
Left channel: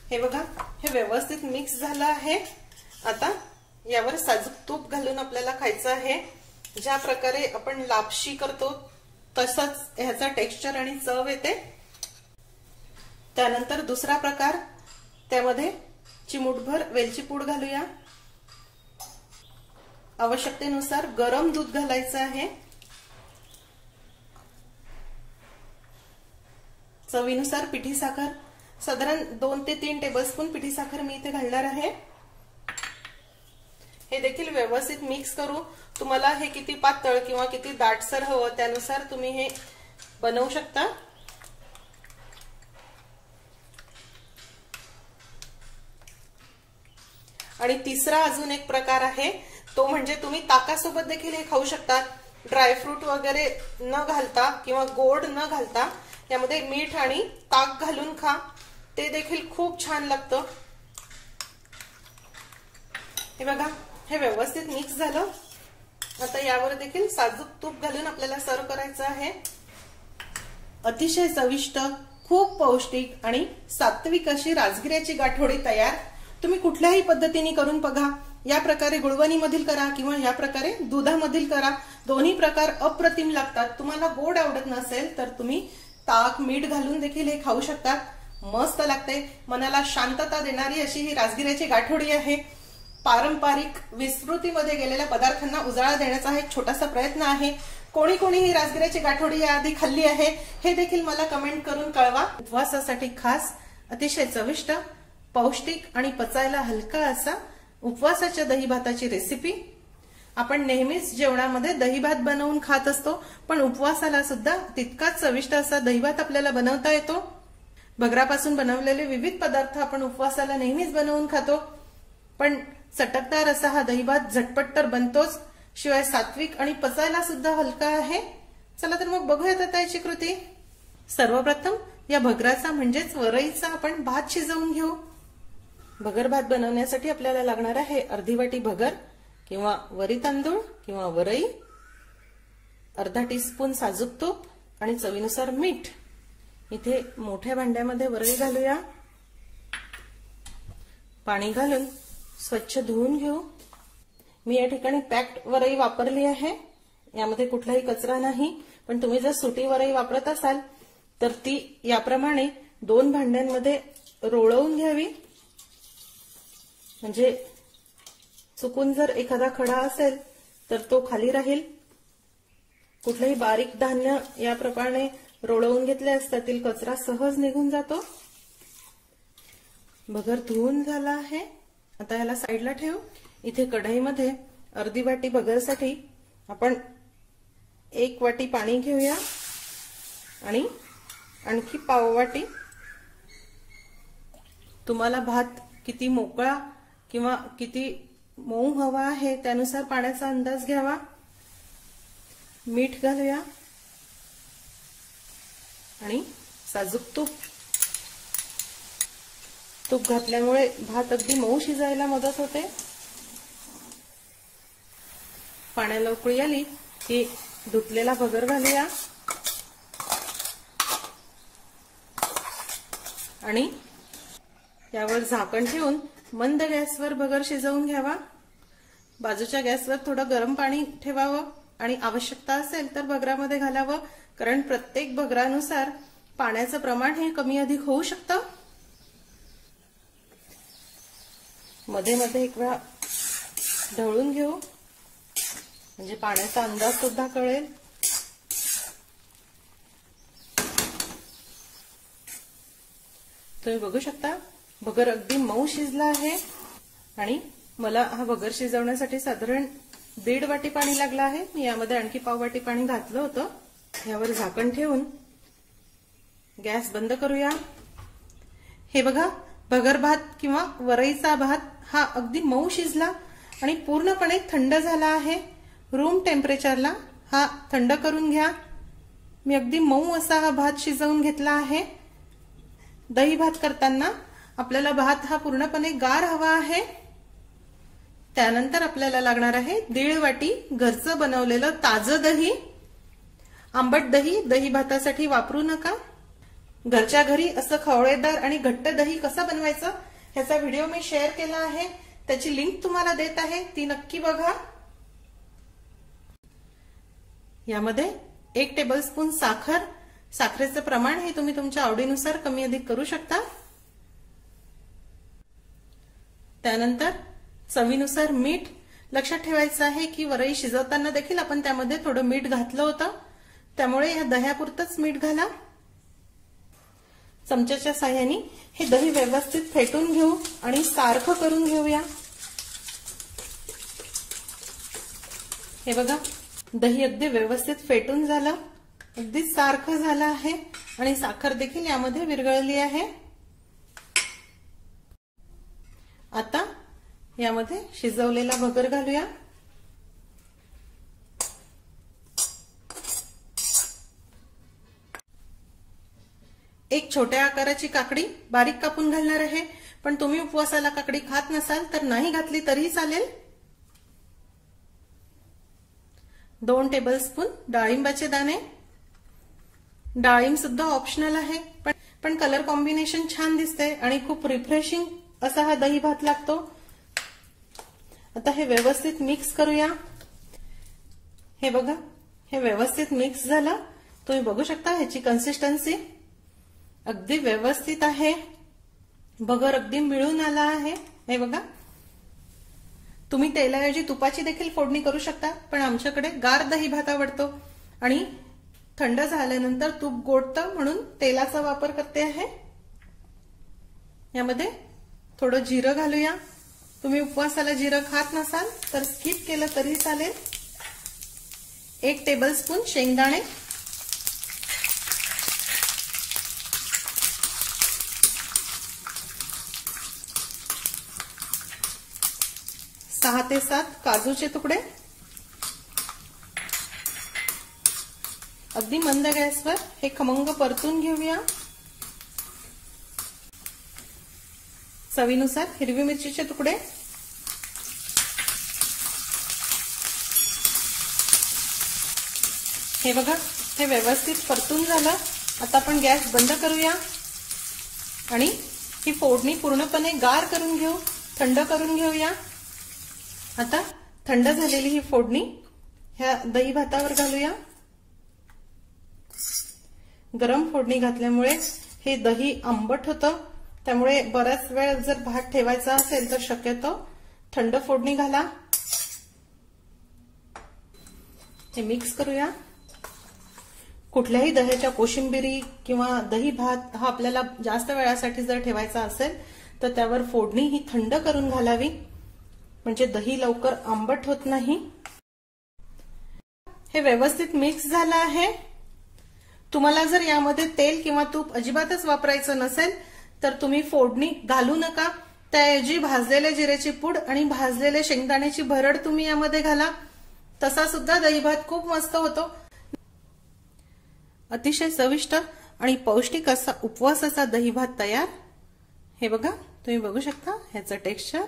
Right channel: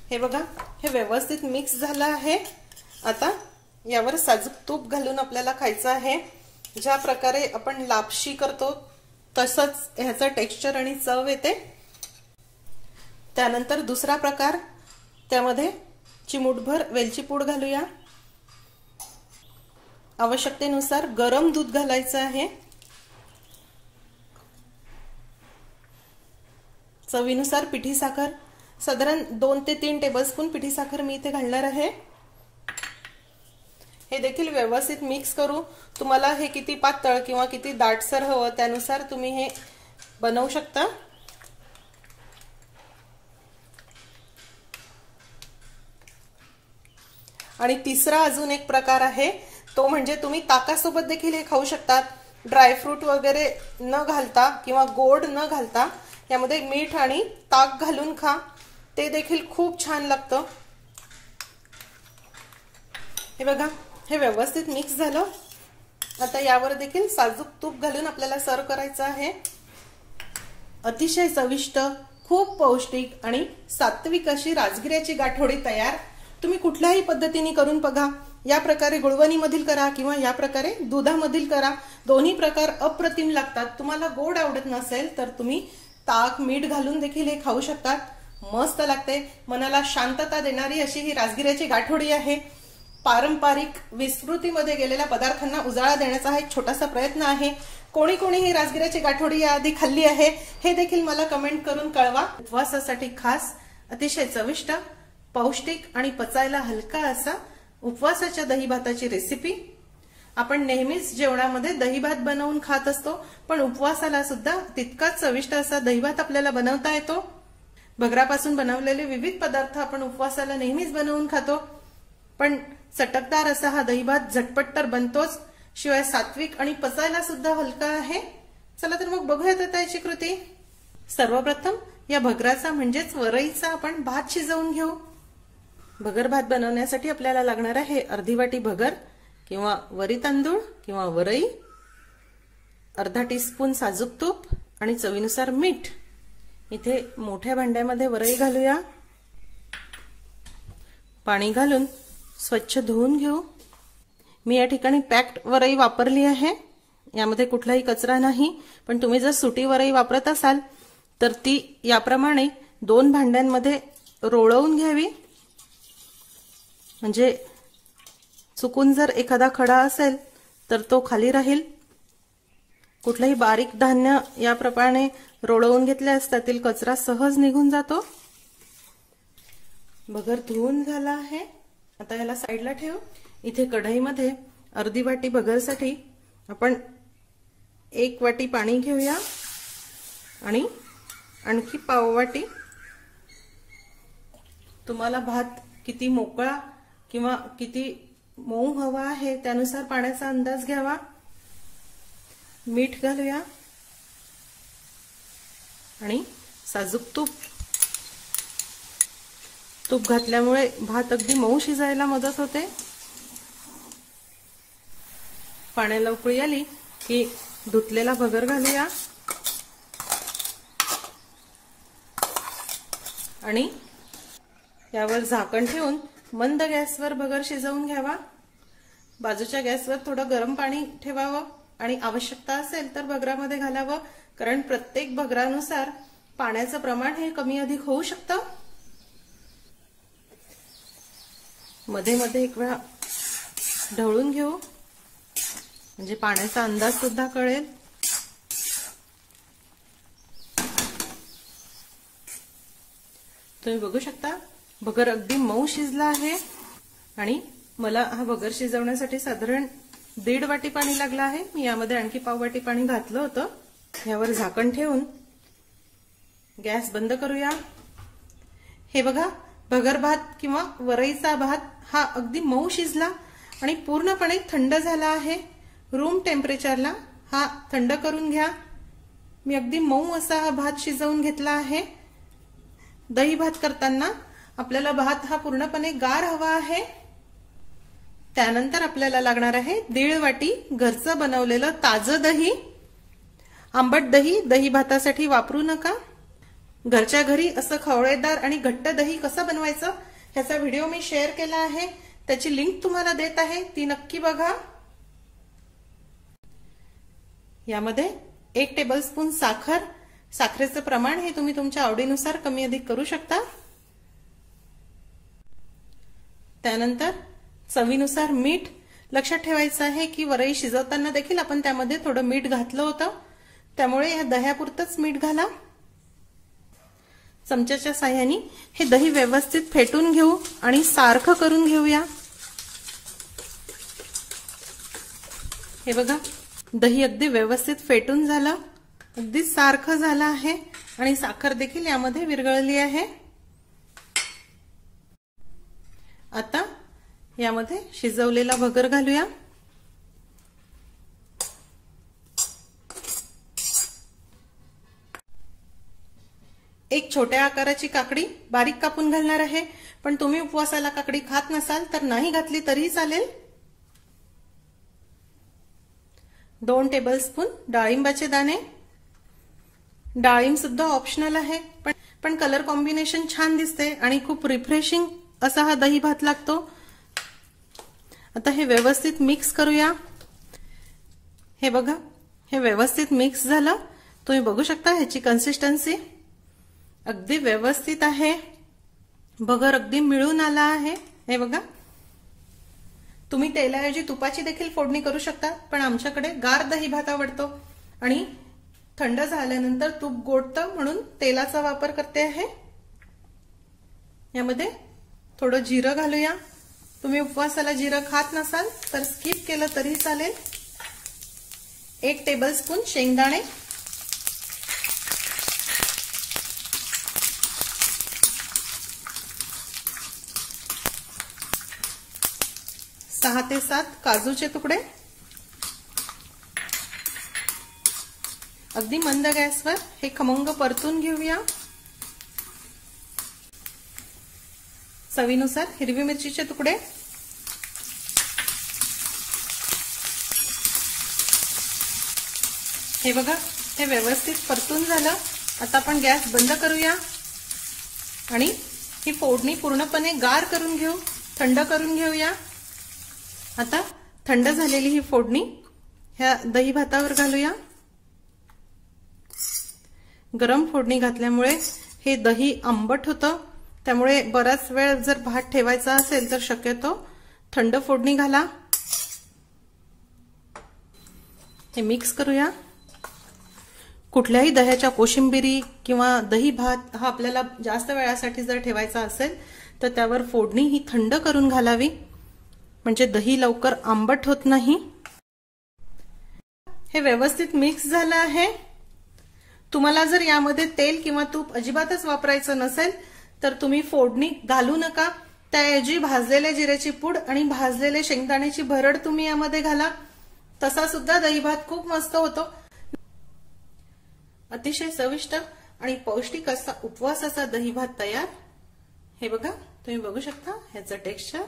हे बघा, हे व्यवस्थित मिक्स झालं आहे। आता यावर साजूक तूप घालून आपल्याला खायचं आहे। ज्या प्रकारे आपण लापशी करतो तसंच ह्याचं टेक्स्चर आणि चव येते। त्यानंतर दुसरा प्रकार, त्यामध्ये चिमूटभर वेलची पूड घालूया। आवश्यकतेनुसार गरम दूध घालायचं आहे। चवीनुसार पिठी साखर, साधारण 2 ते 3 टेबलस्पून पिठी साखर मी इथे घालणार आहे। हे देखील व्यवस्थित मिक्स करू। तुम्हाला हे किती पातळ किंवा किती दाटसर हवं त्यानुसार तुम्ही हे बनवू शकता। आणि तिसरा अजून एक प्रकार आहे, तो म्हणजे तुम्ही ताकासोबत देखील हे खाऊ शकता। ड्रायफ्रूट वगैरे न घालता किंवा गोड न घालता यामध्ये मीठ आणि ताक घालून खा, ते देखील खूप छान लागतं। हे बघा, हे व्यवस्थित मिक्स झालं। आता यावर देखील साजूक तूप घालून आपल्याला सर्व करायचं आहे। अतिशय चविष्ट, खूप पौष्टिक आणि सात्विक अशी राजगिऱ्याची गाठोडी तयार। तुम्ही कुठल्याही पद्धतीने करून बघा। या प्रकारे गुळवणी मधील करा किंवा या प्रकारे दुधामधील करा, दोन्ही प्रकार अप्रतिम लागतात। तुम्हाला गोड आवडत नसेल तर तुम्ही ताक मीठ घालून देखील हे खाऊ शकतात। मस्त लागते, मनाला शांतता देणारी अशी ही राजगिऱ्याची गाठोडी आहे। पारंपरिक विस्मृतीमध्ये गेलेल्या पदार्थांना उजाळा देण्याचा हा एक छोटासा प्रयत्न आहे। कोणी कोणी ही राजगिऱ्याची गाठोडी याआधी खाल्ली आहे हे देखील मला कमेंट करून कळवा। उपवासासाठी खास, अतिशय चविष्ट, पौष्टिक आणि पचायला हलका असा उपवासाच्या दही भाताची रेसिपी। आपण नेहमीच जेवणामध्ये दही भात बनवून खात असतो, पण उपवासाला सुद्धा तितकाच चविष्ट असा दही भात आपल्याला बनवता येतो। भगरापासून बनवलेले विविध पदार्थ आपण उपवासाला नेहमीच बनवून खातो, पण चटकदार असा हा दही भात झटपट तर बनतोच, शिवाय सात्विक आणि पचायला सुद्धा हलका आहे। चला तर मग बघूयात आता याची कृती। सर्वप्रथम या भगराचा म्हणजेच वरईचा आपण भात शिजवून घेऊ। भगर भात बनवण्यासाठी आपल्याला लागणार आहे अर्धी वाटी भगर किंवा वरी तांदूळ किंवा वरई, अर्धा टीस्पून साजूक तूप आणि चवीनुसार मीठ। इथे मोठ्या भांड्यामध्ये वरई घालूया। पाणी घालून स्वच्छ धुवून घेऊ। मी या ठिकाणी पॅक्ड वरई वापरली आहे, यामध्ये कुठलाही कचरा नाही। पण तुम्ही जर सुटी वरई वापरत असाल तर ती याप्रमाणे 2 भांड्यांमध्ये रोळवून घ्यावी, म्हणजे चुकून जर एखादा खडा असेल तर तो खाली राहील. कुठलेही बारीक धान्य याप्रमाणे रोळवून घेतल्यास त्यातील कचरा सहज निघून जातो. भगर धुवून झाला आहे. आता याला साईडला ठेव. इथे कढईमध्ये अर्धी वाटी भगरसाठी आपण 1 वाटी पाणी घेऊया आणि आणखी पाव वाटी. तुम्हाला भात किती मोकळा किंवा किती मऊ हवा आहे त्यानुसार पाण्याचा अंदाज घ्यावा. मीठ घालूया आणि साजूक तूप. तूप घातल्यामुळे भात अगदी मऊ शिजायला मदत होते. पाण्याला उकळी आली की धुतलेला भगर घालूया आणि यावर झाकण ठेवून मंद गॅसवर भगर शिजवून घ्यावा. बाजूच्या गॅसवर थोडं गरम पाणी ठेवावं आणि आवश्यकता असेल तर भगरामध्ये घालावं, कारण प्रत्येक भगरानुसार पाण्याचं प्रमाण हे कमी अधिक होऊ शकतं. मध्ये मध्ये एक वेळा ढवळून घेऊ म्हणजे पाण्याचा अंदाज सुद्धा कळेल. तुम्ही बघू शकता भगर अगदी मऊ शिजला आहे आणि मला हा भगर शिजवण्यासाठी साधारण 1.5 वाटी पाणी लागलं आहे. मी यामध्ये आणखी पाव वाटी पाणी घातलं होतं. यावर झाकण ठेवून गॅस बंद करूया. हे बघा, भगर भात किंवा वरईचा भात हा अगदी मऊ शिजला आणि पूर्णपणे थंड झाला आहे. रूम टेम्परेचरला हा थंड करून घ्या. मी अगदी मऊ असा हा भात शिजवून घेतला आहे. दही भात करताना आपल्याला भात हा पूर्णपणे गार हवा आहे. त्यानंतर आपल्याला लागणार आहे 1.5 वाटी घरचं बनवलेलं ताजं दही. आंबट दही दही भातासाठी वापरू नका. घरच्या घरी असं खवळेदार आणि घट्ट दही कसं बनवायचं ह्याचा व्हिडिओ मी शेअर केला आहे. त्याची लिंक तुम्हाला देत आहे, ती नक्की बघा. यामध्ये 1 टेबलस्पून साखर. साखरेचं प्रमाण हे तुम्ही तुमच्या आवडीनुसार कमी अधिक करू शकता. त्यानंतर चवीनुसार मीठ. लक्षात ठेवायचं आहे की वरई शिजवताना देखील आपण त्यामध्ये थोडं मीठ घातलं होतं, त्यामुळे या दह्यापुरतंच मीठ घाला. चमच्याच्या साह्याने हे दही व्यवस्थित फेटून घेऊ आणि सारखं करून घेऊया. हे बघा, दही अगदी व्यवस्थित फेटून झालं, अगदी सारखं झालं आहे आणि साखर देखील यामध्ये विरघळली आहे. आता यामध्ये शिजवलेला भगर घालूया. एक छोट्या आकाराची काकडी बारीक कापून घालणार आहे, पण तुम्ही उपवासाला काकडी खात नसाल तर नाही घातली तरी चालेल. 2 टेबलस्पून डाळिंबाचे दाणे. डाळिंब सुद्धा ऑप्शनल आहे, पण कलर कॉम्बिनेशन छान दिसते आणि खूप रिफ्रेशिंग असा हा दही भात लागतो. आता हे व्यवस्थित मिक्स करूया. हे बघा, हे व्यवस्थित मिक्स झालं. तुम्ही बघू शकता ह्याची कन्सिस्टन्सी अगदी व्यवस्थित आहे. भगर अगदी मिळून आला आहे. हे बघा, तुम्ही तेलाऐवजी तुपाची देखील फोडणी करू शकता, पण आमच्याकडे गार दही भात आवडतो आणि थंड झाल्यानंतर तूप गोडतं म्हणून तेलाचा वापर करते आहे. यामध्ये थोडं जिरं घालूया. तुम्ही उपवासाला जिरं खात नसाल तर स्किप केलं तरी चालेल. 1 टेबलस्पून शेंगदाणे. 6 ते 7 काजूचे तुकडे. अगदी मंद गॅसवर हे खमंग परतून घेऊया. चवीनुसार हिरवी मिरचीचे तुकडे. हे बघा, हे व्यवस्थित परतून झालं. आता आपण गॅस बंद करूया आणि ही फोडणी पूर्णपणे गार करून घेऊ, थंड करून घेऊया. आता थंड झालेली ही फोडणी ह्या दही भातावर घालूया. गरम फोडणी घातल्यामुळे हे दही आंबट होतं, त्यामुळे बराच वेळ जर भात ठेवायचा असेल तर शक्यतो थंड फोडणी घाला. हे मिक्स करूया. कुठल्याही दह्याच्या कोशिंबिरी किंवा दही भात हा आपल्याला जास्त वेळासाठी जर ठेवायचा असेल तर त्यावर फोडणी ही थंड करून घालावी, म्हणजे दही लवकर आंबट होत नाही. हे व्यवस्थित मिक्स झालं आहे. तुम्हाला जर यामध्ये तेल किंवा तूप अजिबातच वापरायचं नसेल तर तुम्ही फोडणी घालू नका. त्याऐवजी भाजलेले जिऱ्याची पूड आणि भाजलेले शेंगदाण्याची भरड तुम्ही यामध्ये घाला. तसा सुद्धा दही भात खूप मस्त होतो. अतिशय चविष्ट आणि पौष्टिक असा उपवासाचा दही भात तयार. हे बघा, तुम्ही बघू शकता ह्याचं टेक्स्चर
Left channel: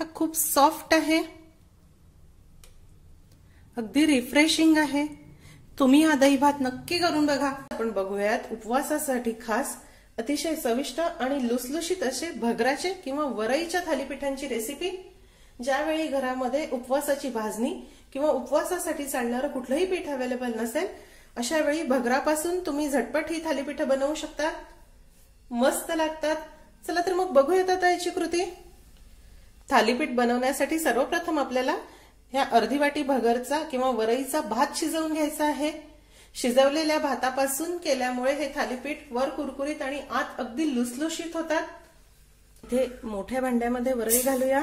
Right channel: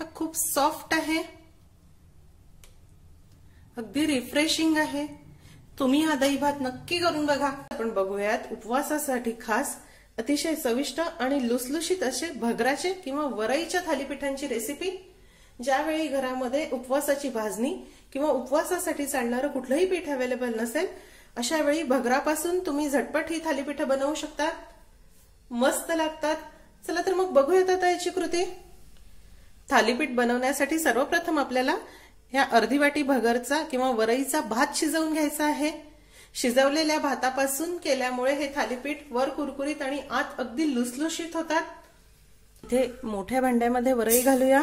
हा खूप सॉफ्ट आहे, अगदी रिफ्रेशिंग आहे. तुम्ही हा दही भात नक्की करून बघा. आपण बघूयात उपवासासाठी खास अतिशय चविष्ट आणि लुसलुशीत असे भगराचे किंवा वरईच्या थालीपीठांची रेसिपी. ज्यावेळी घरामध्ये उपवासाची भाजणी किंवा उपवासासाठी चालणारं कुठलंही पीठ अवेलेबल नसेल अशा वेळी भगरापासून तुम्ही झटपट ही थालीपीठं बनवू शकता. मस्त लागतात. चला तर मग बघूयात आता याची कृती. थालीपीठ बनवण्यासाठी सर्वप्रथम आपल्याला ह्या अर्धी वाटी भगरचा किंवा वरईचा भात शिजवून घ्यायचा आहे. शिजवलेल्या भातापासून केल्यामुळे हे थालीपीठ वर कुरकुरीत आणि आत अगदी लुसलुशीत होतात. इथे मोठ्या भांड्यामध्ये वरई घालूया.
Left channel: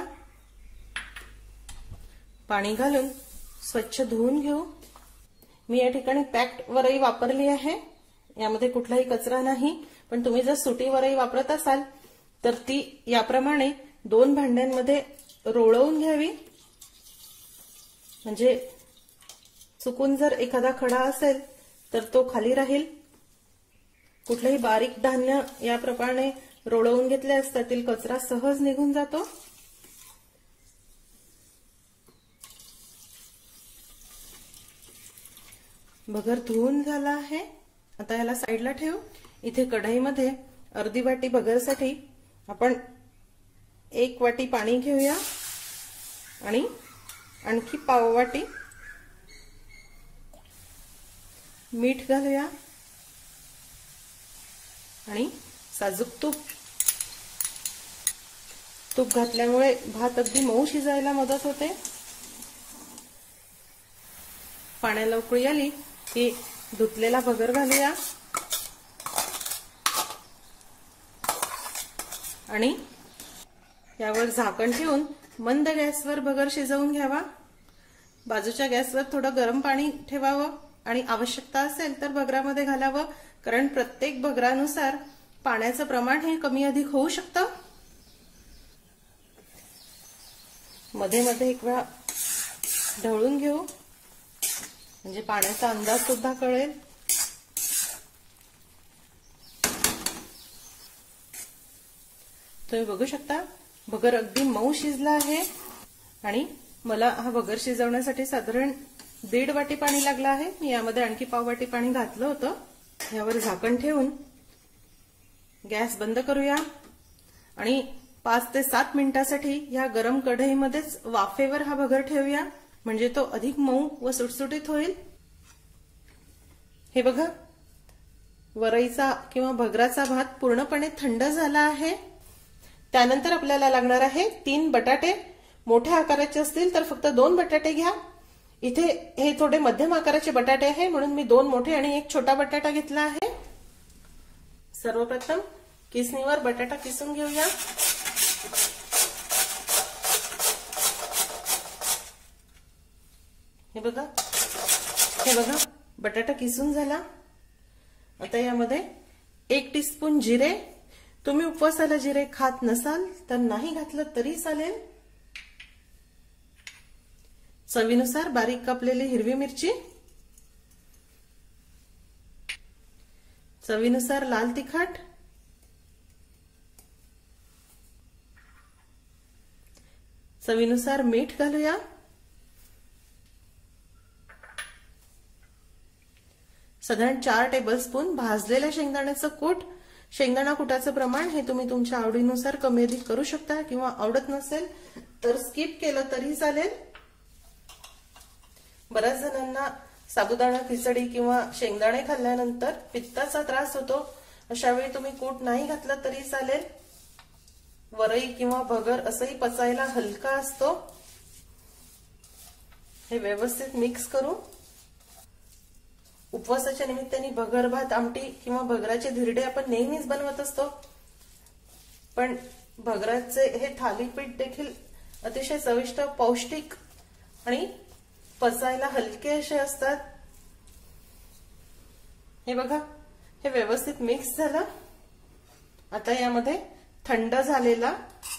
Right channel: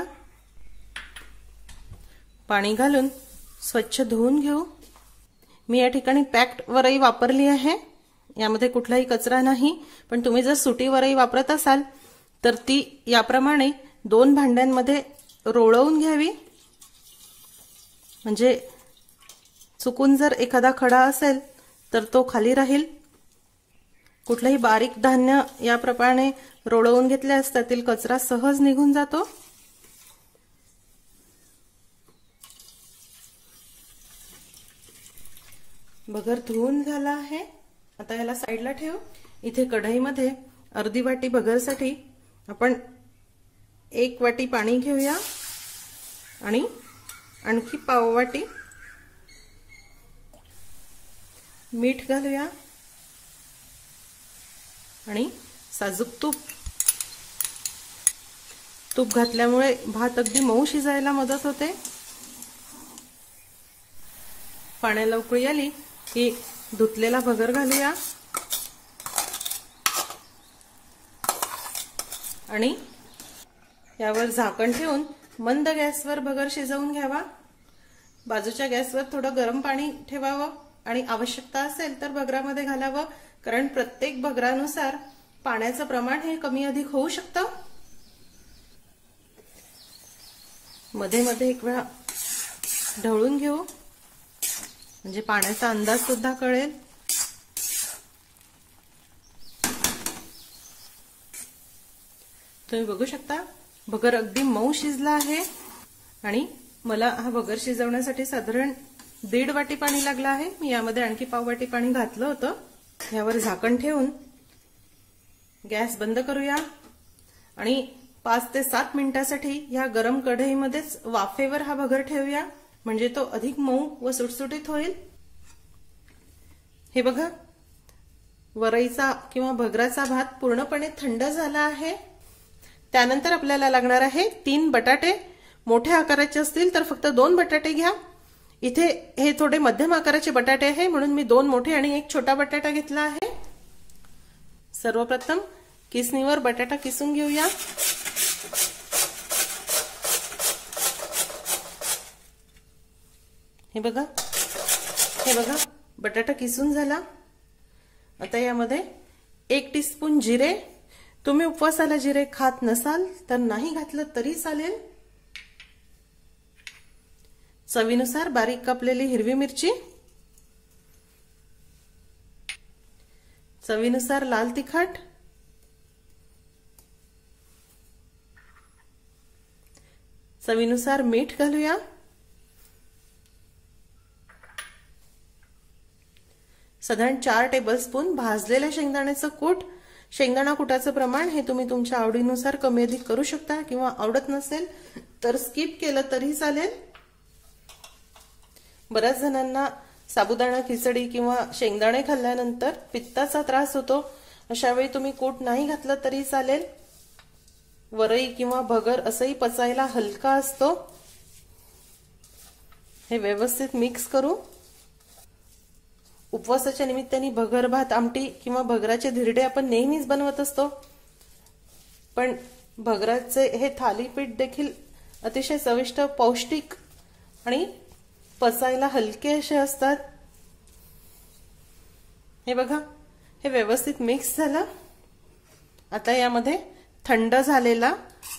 पाणी घालून स्वच्छ धुवून घेऊ. मी या ठिकाणी पॅक्ड वरई वापरली आहे, यामध्ये कुठलाही कचरा नाही. पण तुम्ही जर सुटी वरई वापरत असाल तर ती याप्रमाणे 2 भांड्यांमध्ये रोळवून घ्यावी, म्हणजे चुकून जर एखादा खडा असेल तर तो खाली राहील. कुठलेही बारीक धान्य याप्रमाणे रोळवून घेतले असता त्यातील कचरा सहज निघून जातो. भगर धुवून झाला आहे. आता याला साईडला ठेवू. इथे कढईमध्ये अर्धी वाटी भगरसाठी आपण 1 वाटी पाणी घेऊया आणि आणखी पाव वाटी मीठ घालूया आणि साजूक तूप घातल्यामुळे भात अगदी मऊ शिजायला मदत होते. पाण्याला उकळी आली की धुतलेला भगर घालूया आणि यावर झाकण ठेवून मंद गॅसवर भगर शिजवून घ्यावा. बाजूच्या गॅसवर थोडं गरम पाणी ठेवावं आणि आवश्यकता असेल तर भगरामध्ये घालावं, कारण प्रत्येक भगरानुसार पाण्याचं प्रमाण हे कमी अधिक होऊ शकतं. मध्ये मध्ये एक वेळा ढवळून घेऊ, म्हणजे पाण्याचा अंदाज सुद्धा कळेल. तुम्ही बघू शकता भगर अगदी मऊ शिजला आहे आणि मला हा भगर शिजवण्यासाठी साधारण 1.5 वाटी पाणी लागलं आहे. मी यामध्ये आणखी पाव वाटी पाणी घातलं होतं. यावर झाकण ठेवून गॅस बंद करूया आणि 5 ते 7 मिनिटांसाठी या गरम कढईमध्येच वाफेवर हा भगर ठेवूया, म्हणजे तो अधिक मऊ व सुटसुटीत होईल. हे बघा, वरईचा किंवा भगराचा भात पूर्णपणे थंड झाला आहे. त्यानंतर आपल्याला लागणार आहे 3 बटाटे. मोठ्या आकाराचे असतील तर फक्त 2 बटाटे घ्या. इथे हे थोडे मध्यम आकाराचे बटाटे आहे म्हणून मी 2 मोठे आणि 1 छोटा बटाटा घेतला आहे. सर्वप्रथम किसणीवर बटाटा किसून घेऊया. हे बघा बटाटा किसून झाला. आता यामध्ये 1 टीस्पून जिरे. तुम्ही उपवासाला जिरे खात नसाल तर नाही घातलं तरी चालेल. चवीनुसार बारीक कापलेली हिरवी मिरची, चवीनुसार लाल तिखट, चवीनुसार मीठ घालूया. साधारण 4 टेबलस्पून भाजलेल्या शेंगदाण्याचं कूट. शेंगदाणा कुटाचं प्रमाण हे तुम्ही तुमच्या आवडीनुसार कमी अधिक करू शकता किंवा आवडत नसेल तर स्किप केलं तरी चालेल. बऱ्याच जणांना साबुदाणा खिचडी किंवा शेंगदाणे खाल्ल्यानंतर पित्ताचा त्रास होतो. अशा वेळी तुम्ही कूट नाही घातलं तरी चालेल. वरई किंवा भगर असंही पचायला हलका असतो। हे व्यवस्थित मिक्स करू। उपवासाच्या निमित्ताने भगर भात आमटी किंवा भगराचे धिरडे आपण नेहमीच बनवत असतो, पण भगराचे हे थालीपीठ देखील अतिशय चविष्ट, पौष्टिक आणि पचायला हलके असे असतात। हे बघा, हे व्यवस्थित मिक्स झालं। आता यामध्ये थंड झालेला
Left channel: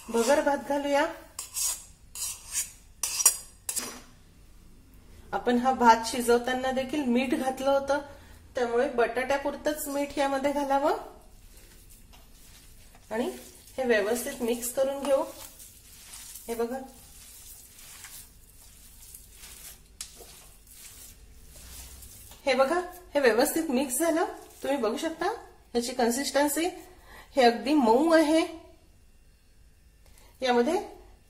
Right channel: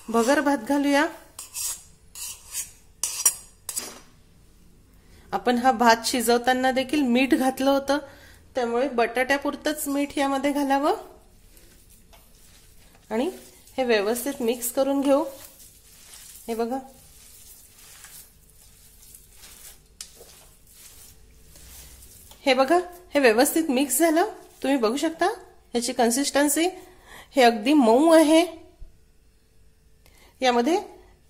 भगर भात घालूया। आपण हा भात शिजवताना देखील मीठ घातलं होतं, त्यामुळे बटाट्यापुरतच मीठ यामध्ये घालावं आणि हे व्यवस्थित मिक्स करून घेऊ। हे बघा, हे बघा, हे व्यवस्थित मिक्स झालं। तुम्ही बघू शकता याची कन्सिस्टन्सी, हे अगदी मऊ आहे। यामध्ये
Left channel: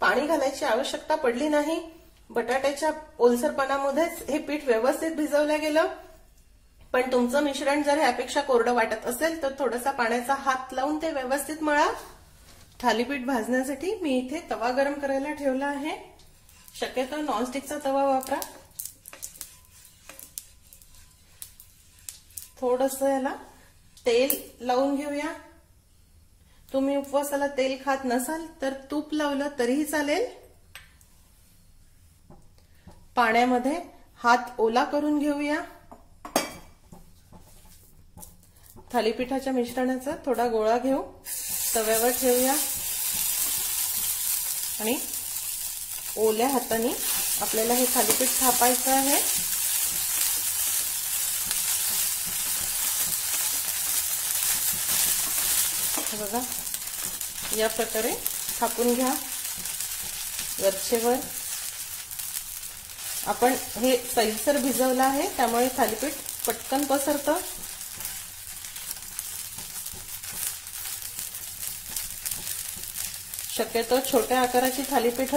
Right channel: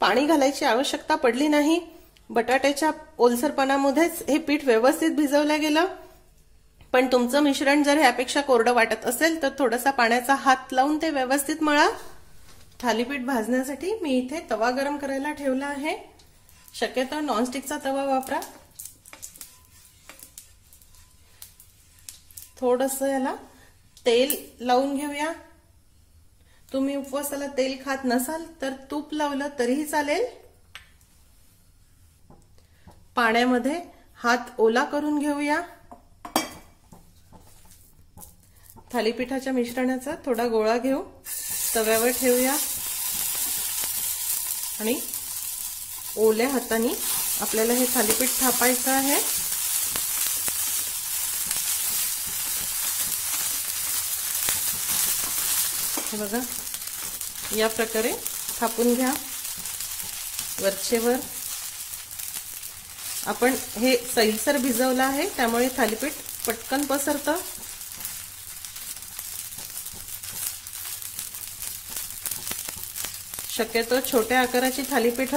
पाणी घालायची आवश्यकता पडली नाही। बटाट्याच्या ओलसरपणामध्येच हे पीठ व्यवस्थित भिजवलं गेलं। पण तुमचं मिश्रण जर ह्यापेक्षा कोरडं वाटत असेल तर थोडासा पाण्याचा हात लावून ते व्यवस्थित मळा। थालीपीठ भाजण्यासाठी मी इथे तवा गरम करायला ठेवला आहे। शक्यतो नॉनस्टिकचा तवा वापरा। थोडंसं याला तेल लावून घेऊया। तुम्ही उपवासाला तेल खात नसाल तर तूप लावलं तरीही चालेल। पाण्यामध्ये हात ओला करून घेऊया। थालीपीठाच्या मिश्रणाचा थोडा गोळा घेऊ, तव्यावर ठेवूया आणि ओल्या हाताने आपल्याला हे थालीपीठ थापायचं आहे। हे बघा, या प्रकारे थापून घ्या वरचेवर। आपण हे सैलसर भिजवलं आहे, त्यामुळे थालीपीठ पटकन पसरतं। शक्यतो छोट्या आकाराची थालीपीठ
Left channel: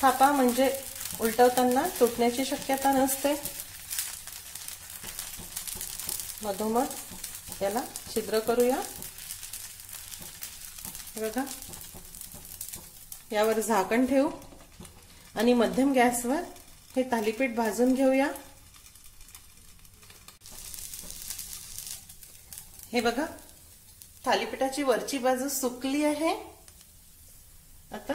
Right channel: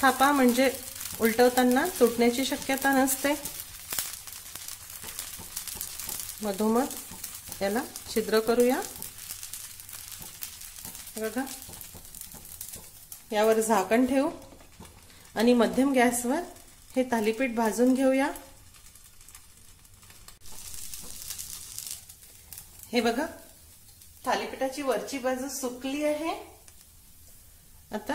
थापा, म्हणजे उलटवताना तुटण्याची शक्यता नसते। मधोमध याला छिद्र करूया। बघा, यावर झाकण ठेवू आणि मध्यम गॅसवर हे थालीपीठ भाजून घेऊया। हे बघा, थालीपीठाची वरची बाजू सुकली आहे। आता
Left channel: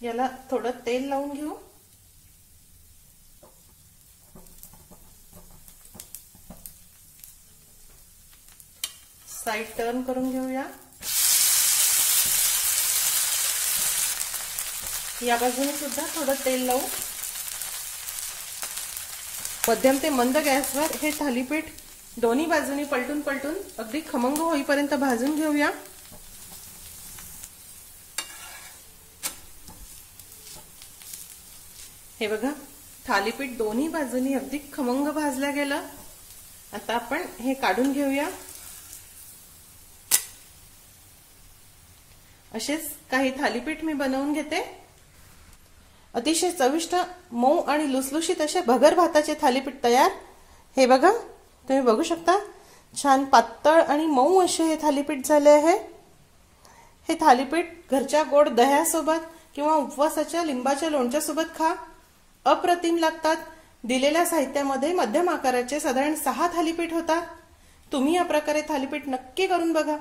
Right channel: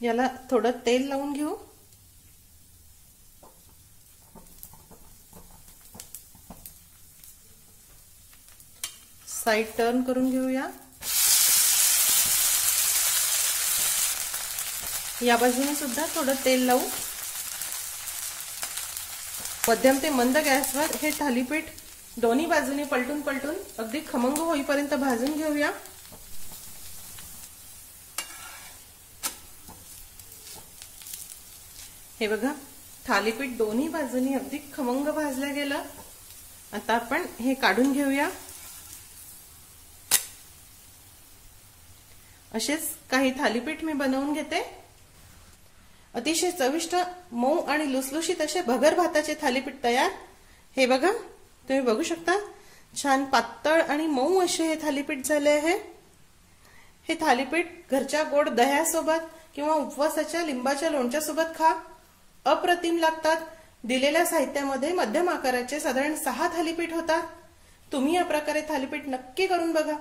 याला थोडं तेल लावून घेऊ। साइड टर्न करून घेऊया। या बाजूने सुद्धा थोडं तेल लावू। मध्यम ते मंद गॅसवर हे थालीपीठ दोन्ही बाजूनी पलटून पलटून अगदी खमंग होईपर्यंत भाजून घेऊया। हे बघा, थालीपीठ दोन्ही बाजूनी अगदी खमंग भाजलं गेलं। आता आपण हे काढून घेऊया। असेच काही थालीपीठ मी बनवून घेते। अतिशय चविष्ट, मऊ आणि लुसलुशीत असे भगर भाताचे थालीपीठ तयार। हे बघा, तुम्ही बघू शकता, छान पातळ आणि मऊ असे हे थालीपीठ झाले आहे। हे थालीपीठ घरच्या गोड दह्यासोबत किंवा उपवासाच्या लिंबाच्या लोणच्यासोबत खा, अप्रतिम लागतात। दिलेल्या साहित्यामध्ये मध्यम आकाराचे साधारण 6 थालीपीठ होतात। तुम्ही या प्रकारे थालीपीठ नक्की करून बघा।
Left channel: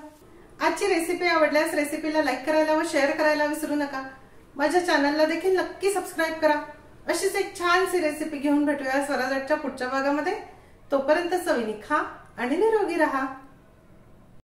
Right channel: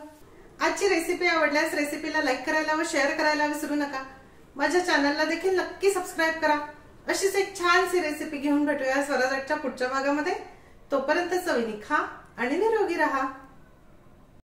आजची रेसिपी आवडल्यास रेसिपीला लाईक करायला व शेअर करायला विसरू नका। माझ्या चॅनलला देखील नक्की सबस्क्राईब करा। अशीच एक छानशी रेसिपी घेऊन भेटूया स्वराजच्या पुढच्या भागामध्ये। तोपर्यंत चवीने खा आणि निरोगी राहा।